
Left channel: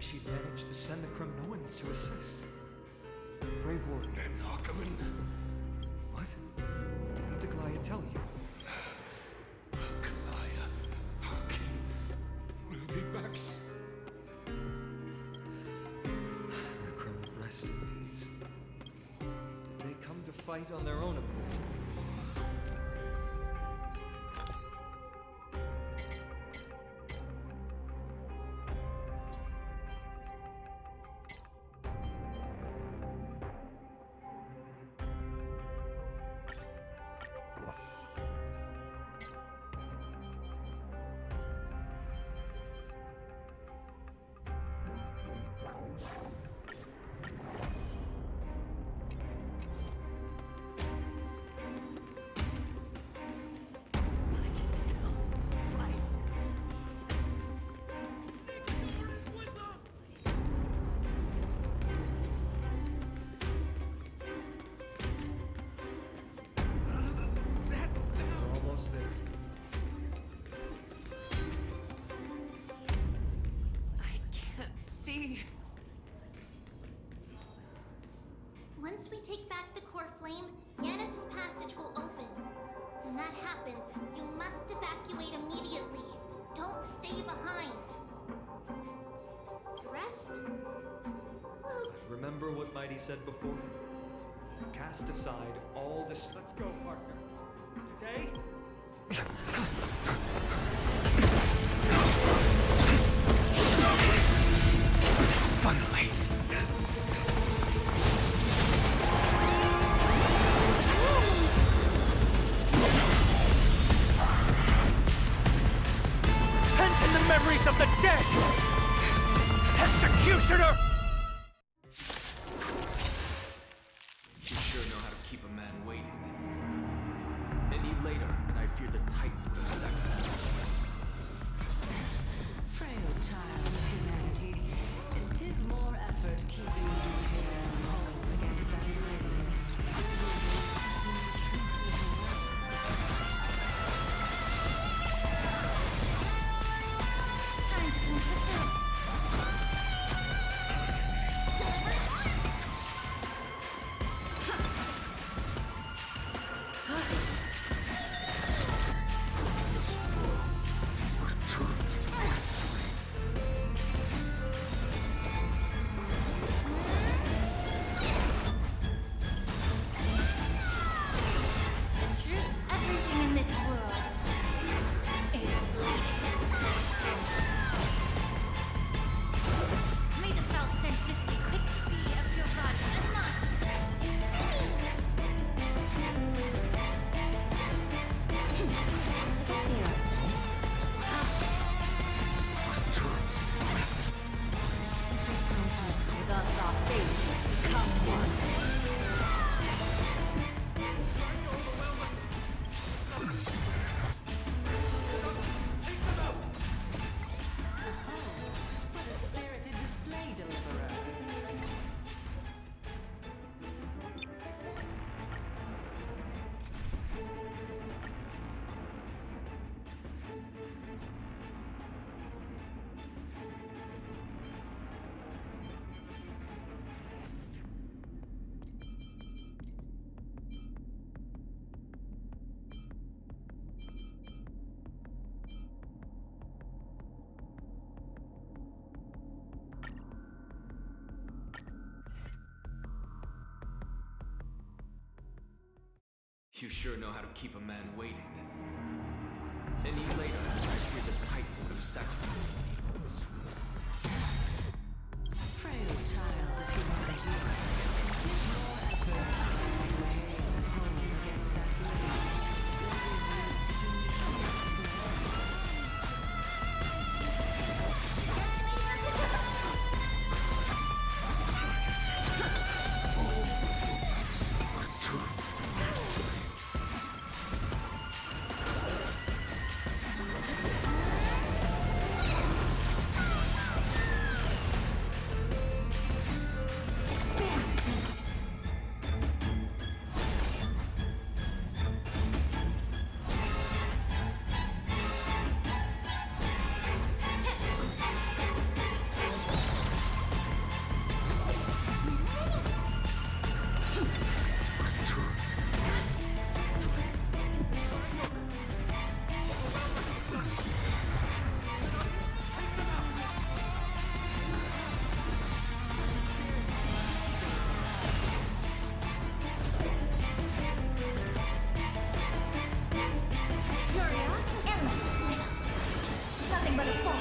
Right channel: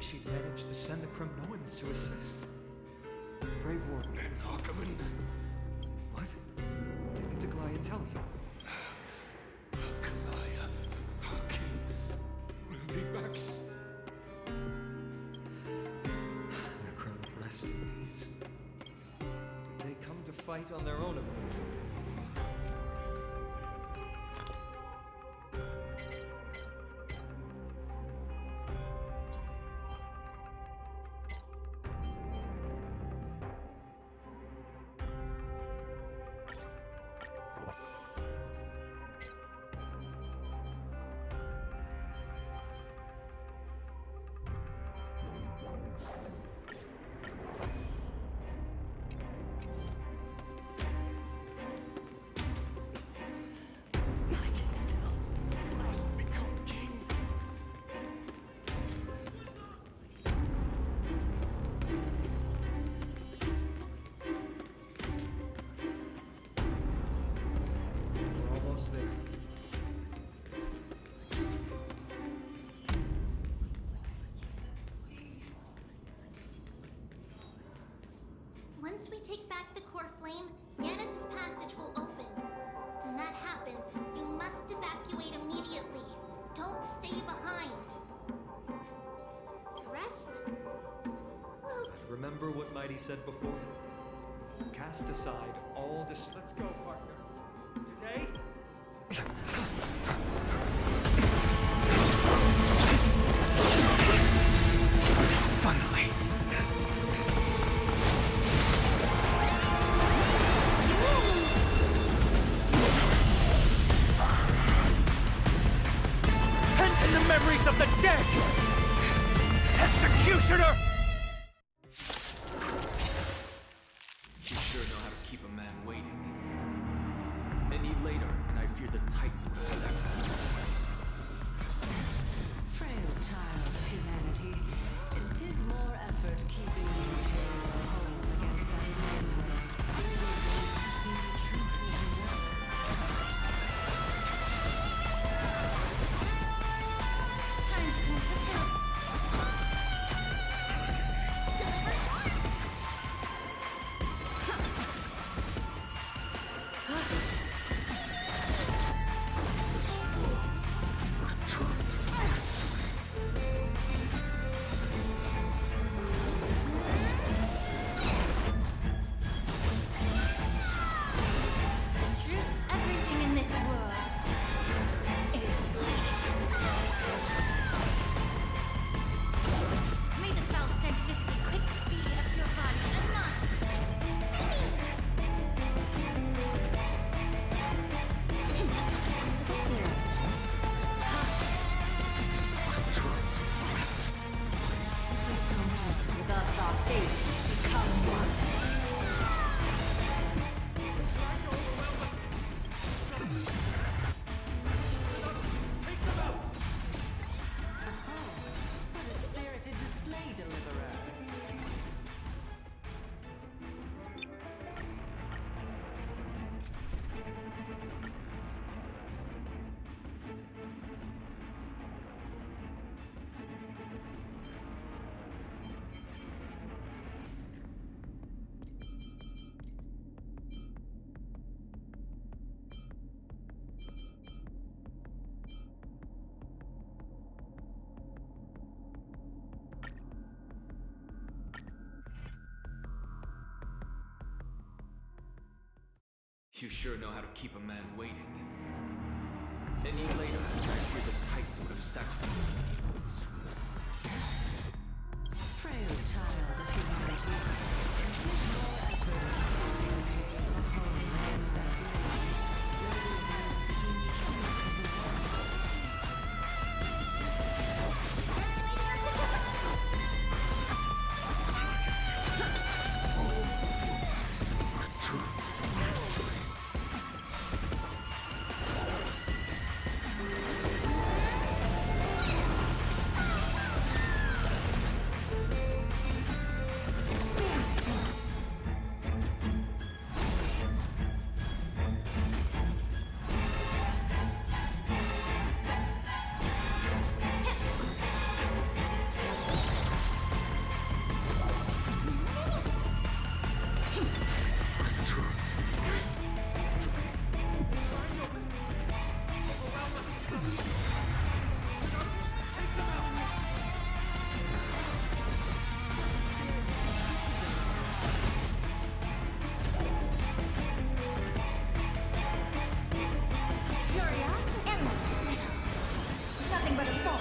She'd managed to send the Kremnoans to assist. Brave warden. And Ackerman? What? Didn't Aglaya tell you? Aglaya, Hakim, will be back. The Krem rest in peace. Did they come to fight on their own accord? Once we take back the core flame, Yanis' passage will open. When that happens, you must evacuate immediately. Don't stay behind. The rest? Well, Remember what Mighty said before? Cast aside all dis- Let's go, partner. Today? Finally! Pent in the memories of the dead! Executioner! You sure know how to keep a man waiting. Any later, and I fear the titan would have sacrificed. Frail child of humanity, it is more effort keeping you hale and whole against that blade. Rather than seeking the truth of the world. Time to cleanse the field. Truth, everything in this world is bleeding. May the foul stench dissipate quickly, be of your body and not Thus our fates become one. What a spirited display, Deliverer. You sure know how to keep a man waiting. Any later, and I fear the titan would have sacrificed me. Frail child of humanity, it is more effort keeping you hale and whole against that blade. Rather than seeking the truth of the world. nothing but a fall.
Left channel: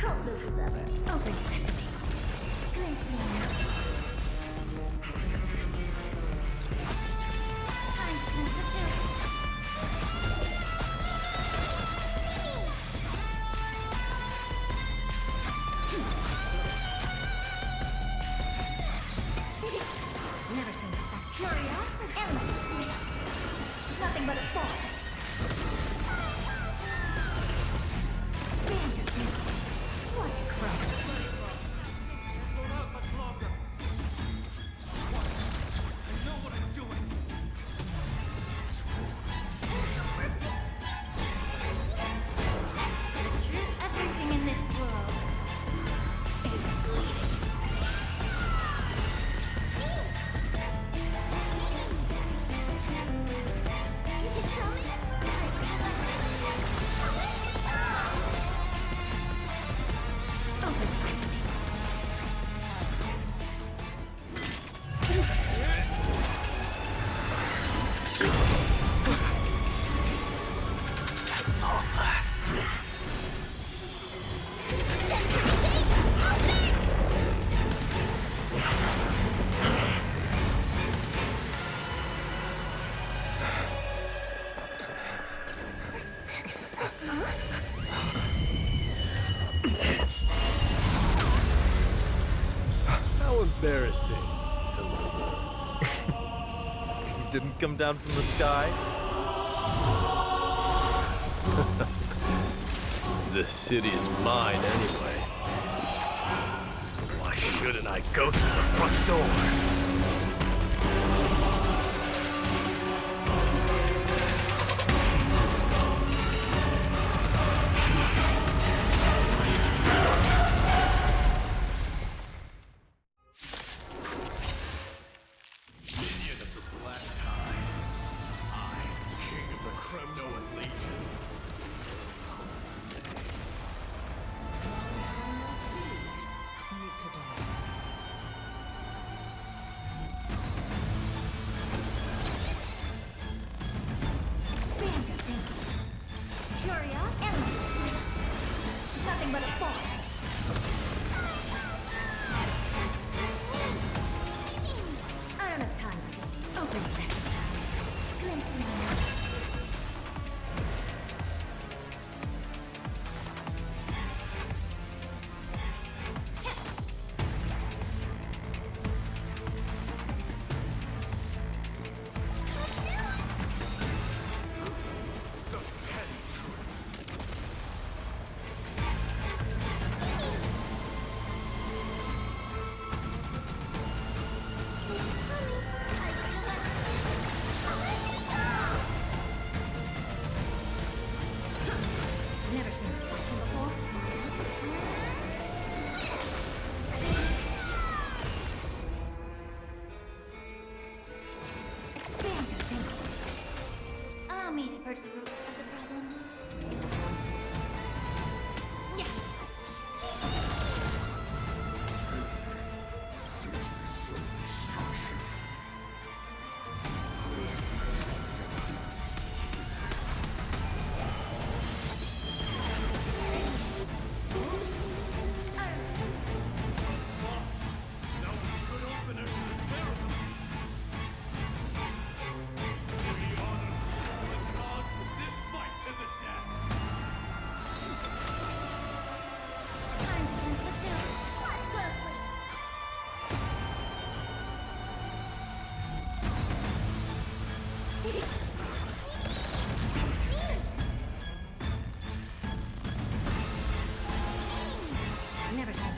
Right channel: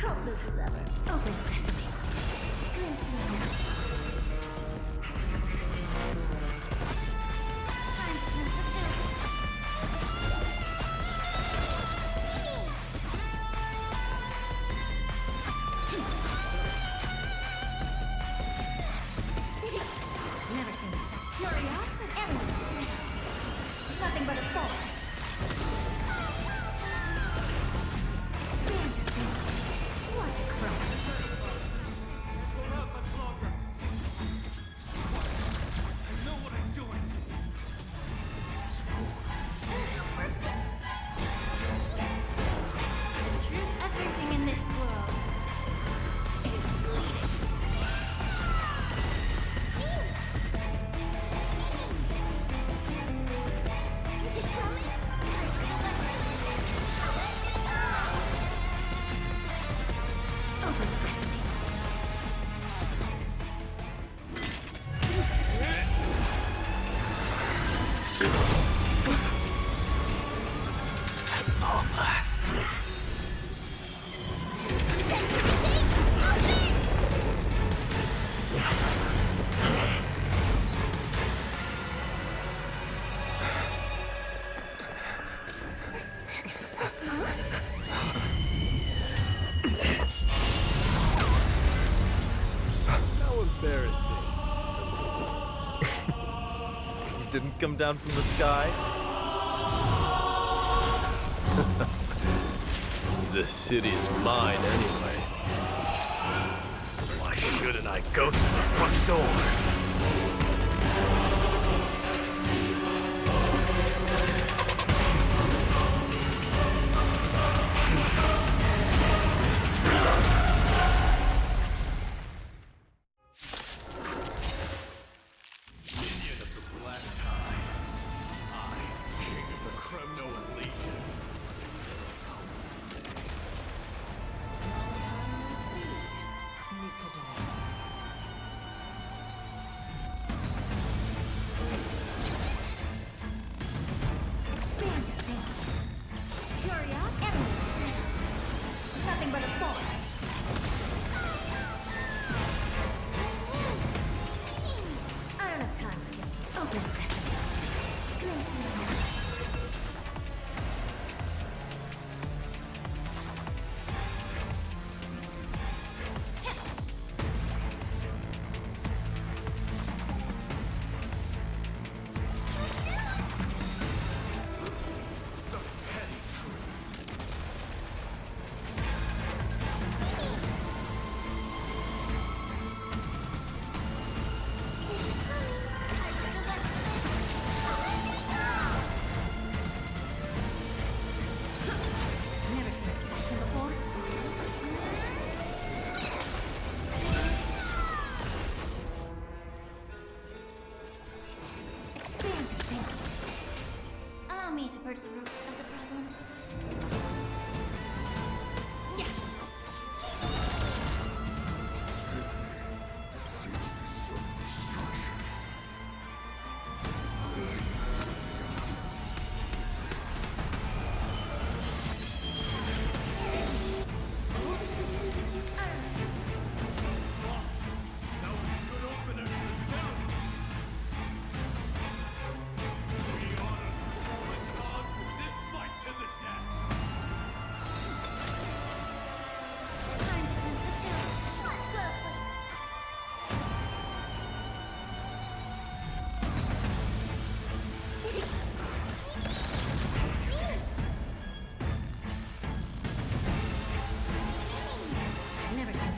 Helpless as ever. Open sesame. Glimpse me now. Time to cleanse the field. Nothing but a fall. Stand your ground. Watch it crack. Can't hold out much longer. I know what I'm doing. The truth, everything in this world is bleeding. Is it coming? Open sesame. At long last. Century Gate, open! How embarrassing. You didn't come down from the sky? This city is mine anyway. So why shouldn't I go through the front door? Minion of the Black Tide. I, King of the Kremnoan Legion. Long time no see, Mikado. Expand your thinking. Furia, endless. Nothing but a fall. I don't have time for you. Open sesame. Glimpse me now. Such petty truths. It's coming. Are you gonna let me? Never seen a action before. Expand your thinking. Allow me to purge the root of the problem. Yeah. That was a good opener to the ceremony. We honor the gods with this fight to the death. Time to cleanse the chill. Watch closely. Never seen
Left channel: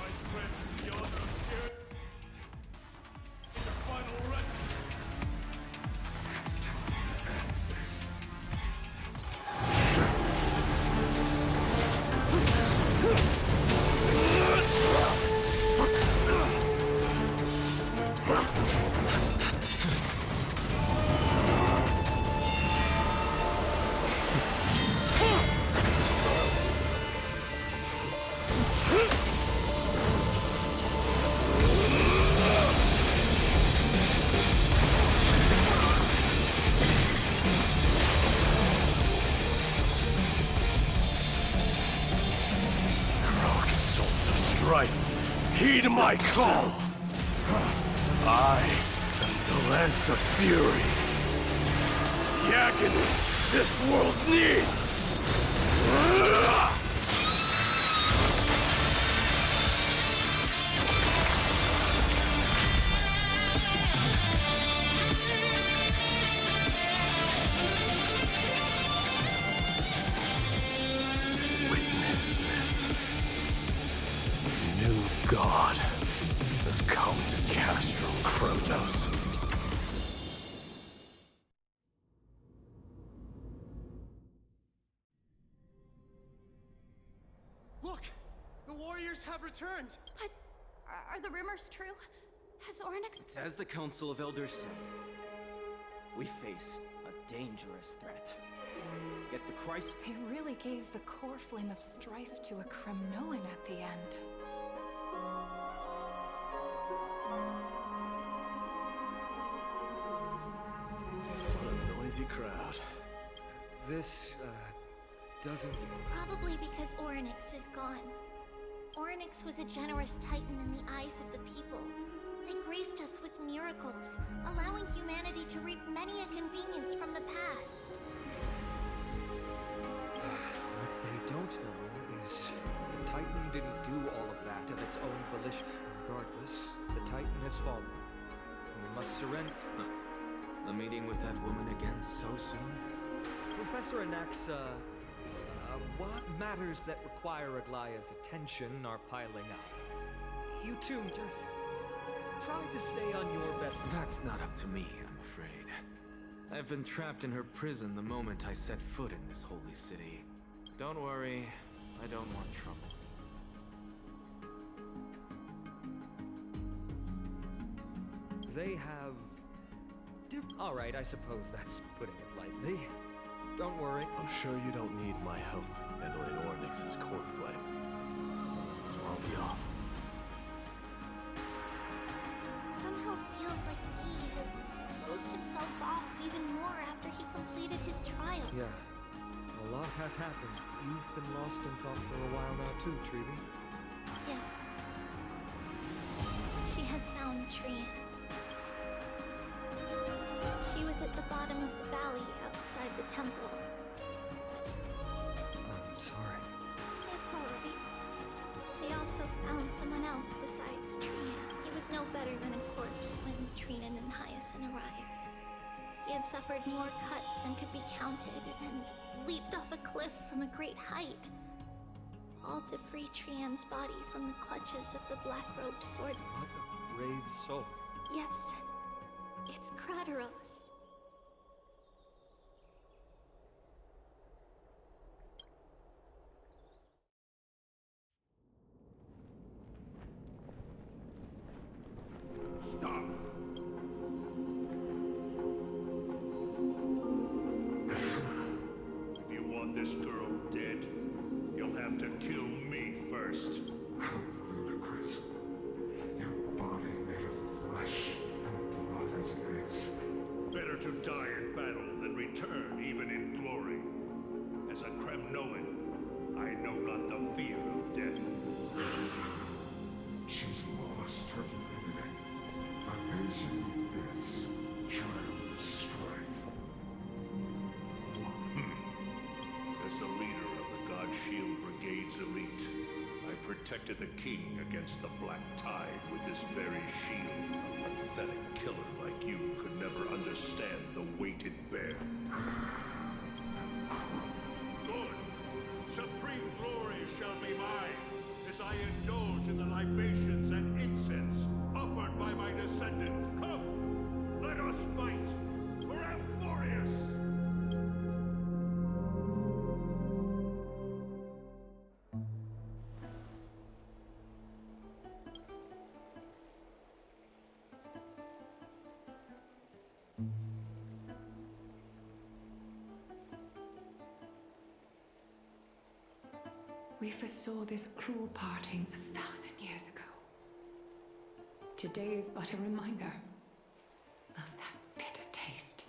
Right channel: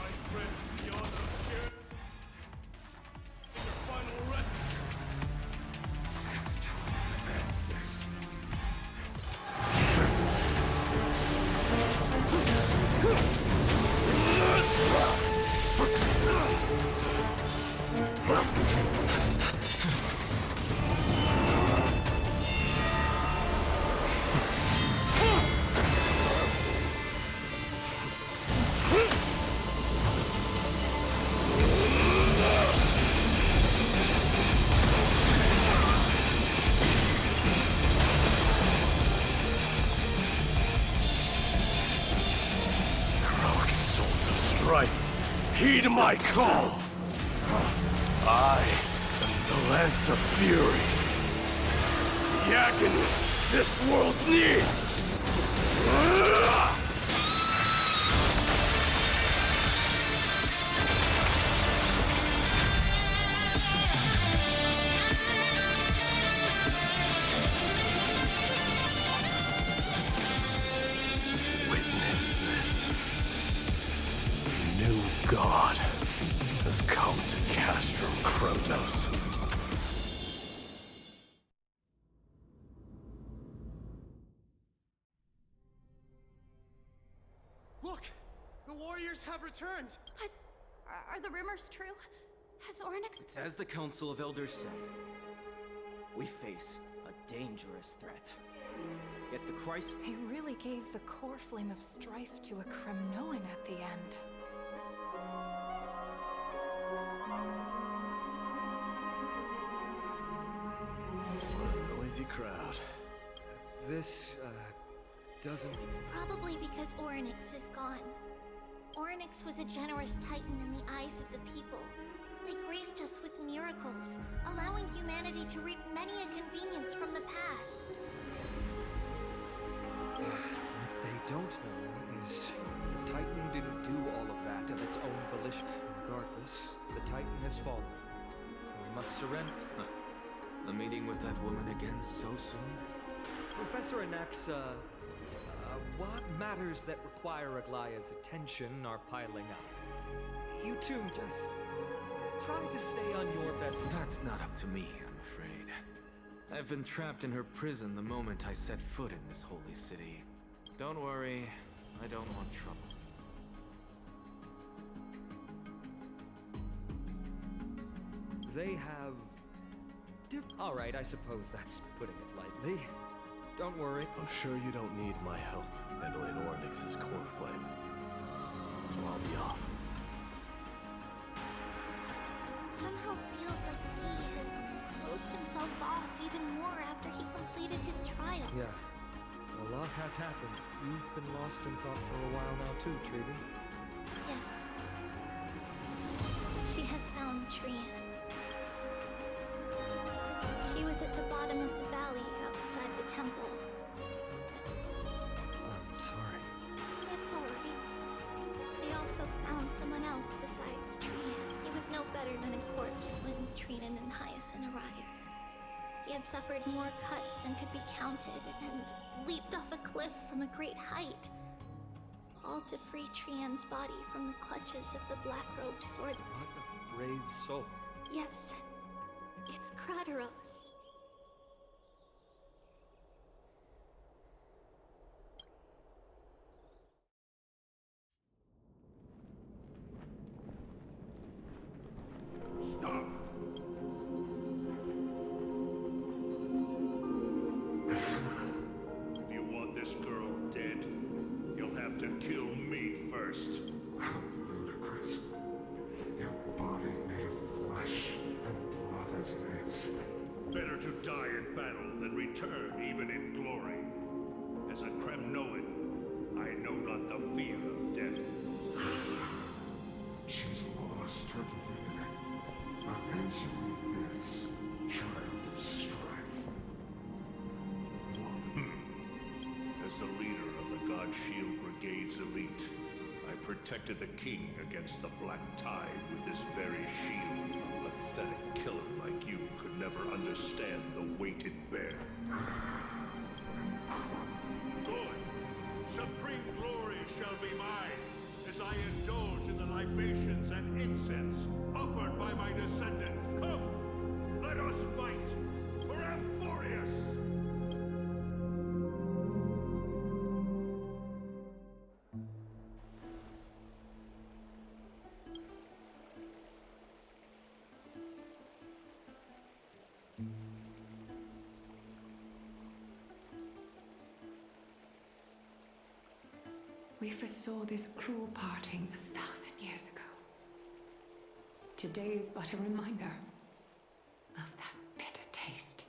Right friends with the honor of sharing their final rest. It's time to end this. Heroic souls of strife, heed my call! I am the Lance of Fury. The agony this world needs! God has come to Castro Kronos. Look! The warriors have returned! But are the rumors true? Has Ornyx... It's as the Council of Elders said. We face a dangerous threat. Yet the Christ... They really gave the core flame of strife to a Kremnoan at the end. What a noisy crowd. This, doesn't... It's probably because Ornyx is gone. Ornyx was a generous titan in the eyes of the people. They graced us with miracles, allowing humanity to reap many a convenience from the past. What they don't know is that the Titan didn't do all of that of its own volition. Regardless, the Titan has fallen, and we must surrender. A meeting with that woman again so soon? Professor Anaxa, what matters that require Aglaya's attention are piling up. You two just try to stay on your best... That's not up to me, I'm afraid. I've been trapped in her prison the moment I set foot in this holy city. Don't worry, I don't want trouble. They have... All right, I suppose that's putting it lightly. Don't worry. I'm sure you don't need my help handling Ornyx's core flame. So I'll be off. It somehow feels like D has closed himself off even more after he completed his trial. Yeah, a lot has happened. You've been lost in thought for a while now too, Trevi. Yes. She has found Trian. She was at the bottom of the valley outside the temple. I'm sorry. It's alright. They also found someone else besides Trian. He was no better than a corpse when Trinan and Hyacinth arrived. He had suffered more cuts than could be counted and leaped off a cliff from a great height. All to free Trian's body from the clutches of the black-robed sword. What a brave soul. Yes, it's Krateros. Stop! If you want this girl dead, you'll have to kill me first. How ludicrous. Your body made of flesh and blood as it is. Better to die in battle than return even in glory. As a Kremnoan, I know not the fear of death. She's lost her divinity. But answer me this, child of strife. As the leader of the God Shield Brigade's elite, I protected the king against the Black Tide with this very shield. A pathetic killer like you could never understand the weight it bears. Good! Supreme glory shall be mine, as I indulge in the libations and incense offered by my descendants. Come, let us fight for Amphoreus! We foresaw this cruel parting 1,000 years ago. Today is but a reminder of that bitter taste.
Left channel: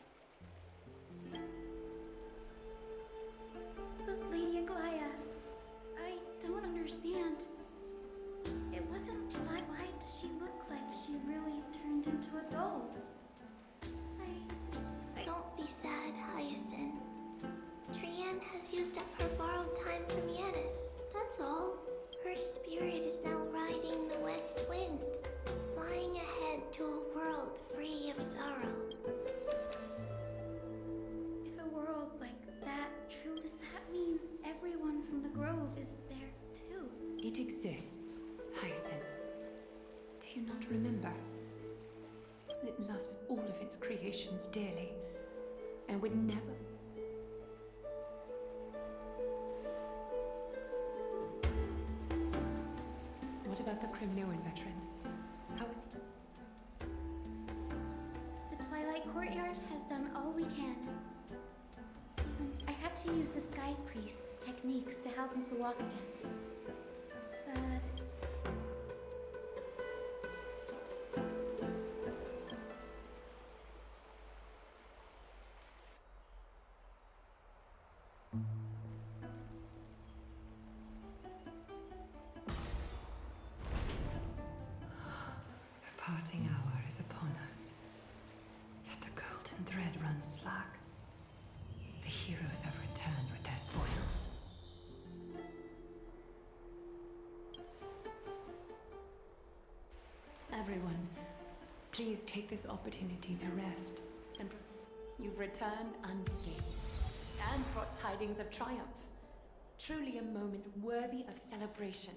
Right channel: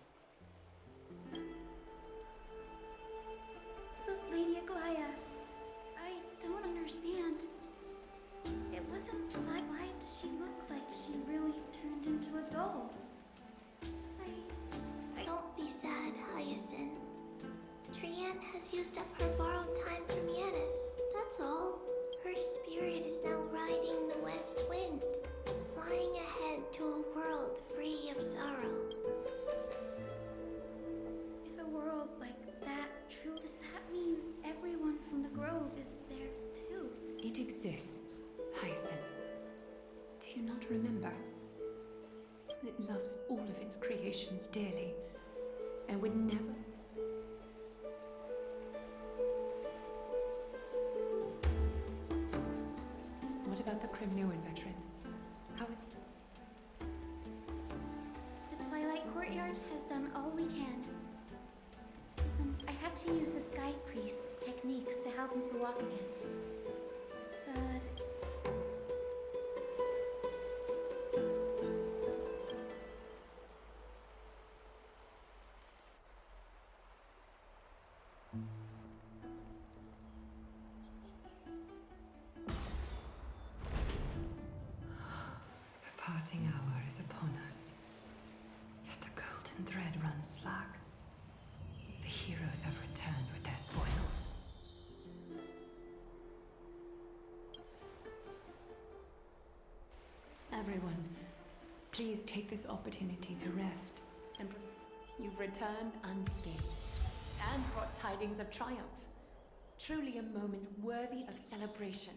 But Lady Aglaya, I don't understand. It wasn't... Why does she look like she really turned into a doll? Don't be sad, Hyacinth. Trian has used up her borrowed time from Yanis, that's all. Her spirit is now riding the west wind, flying ahead to a world free of sorrow. If a world like that true, does that mean everyone from the Grove is there too? It exists, Hyacinth. remember. It loves all of its creations dearly, and would never... What about the Crimnoan veteran? How is he? The Twilight Courtyard has done all we can. Even I had to use the Sky Priest's techniques to help him to walk again. But the parting hour is upon us. Yet the golden thread runs slack. The heroes have returned with their spoils. Everyone, please take this opportunity to rest. And you've returned unscathed and brought tidings of triumph. Truly a moment worthy of celebration.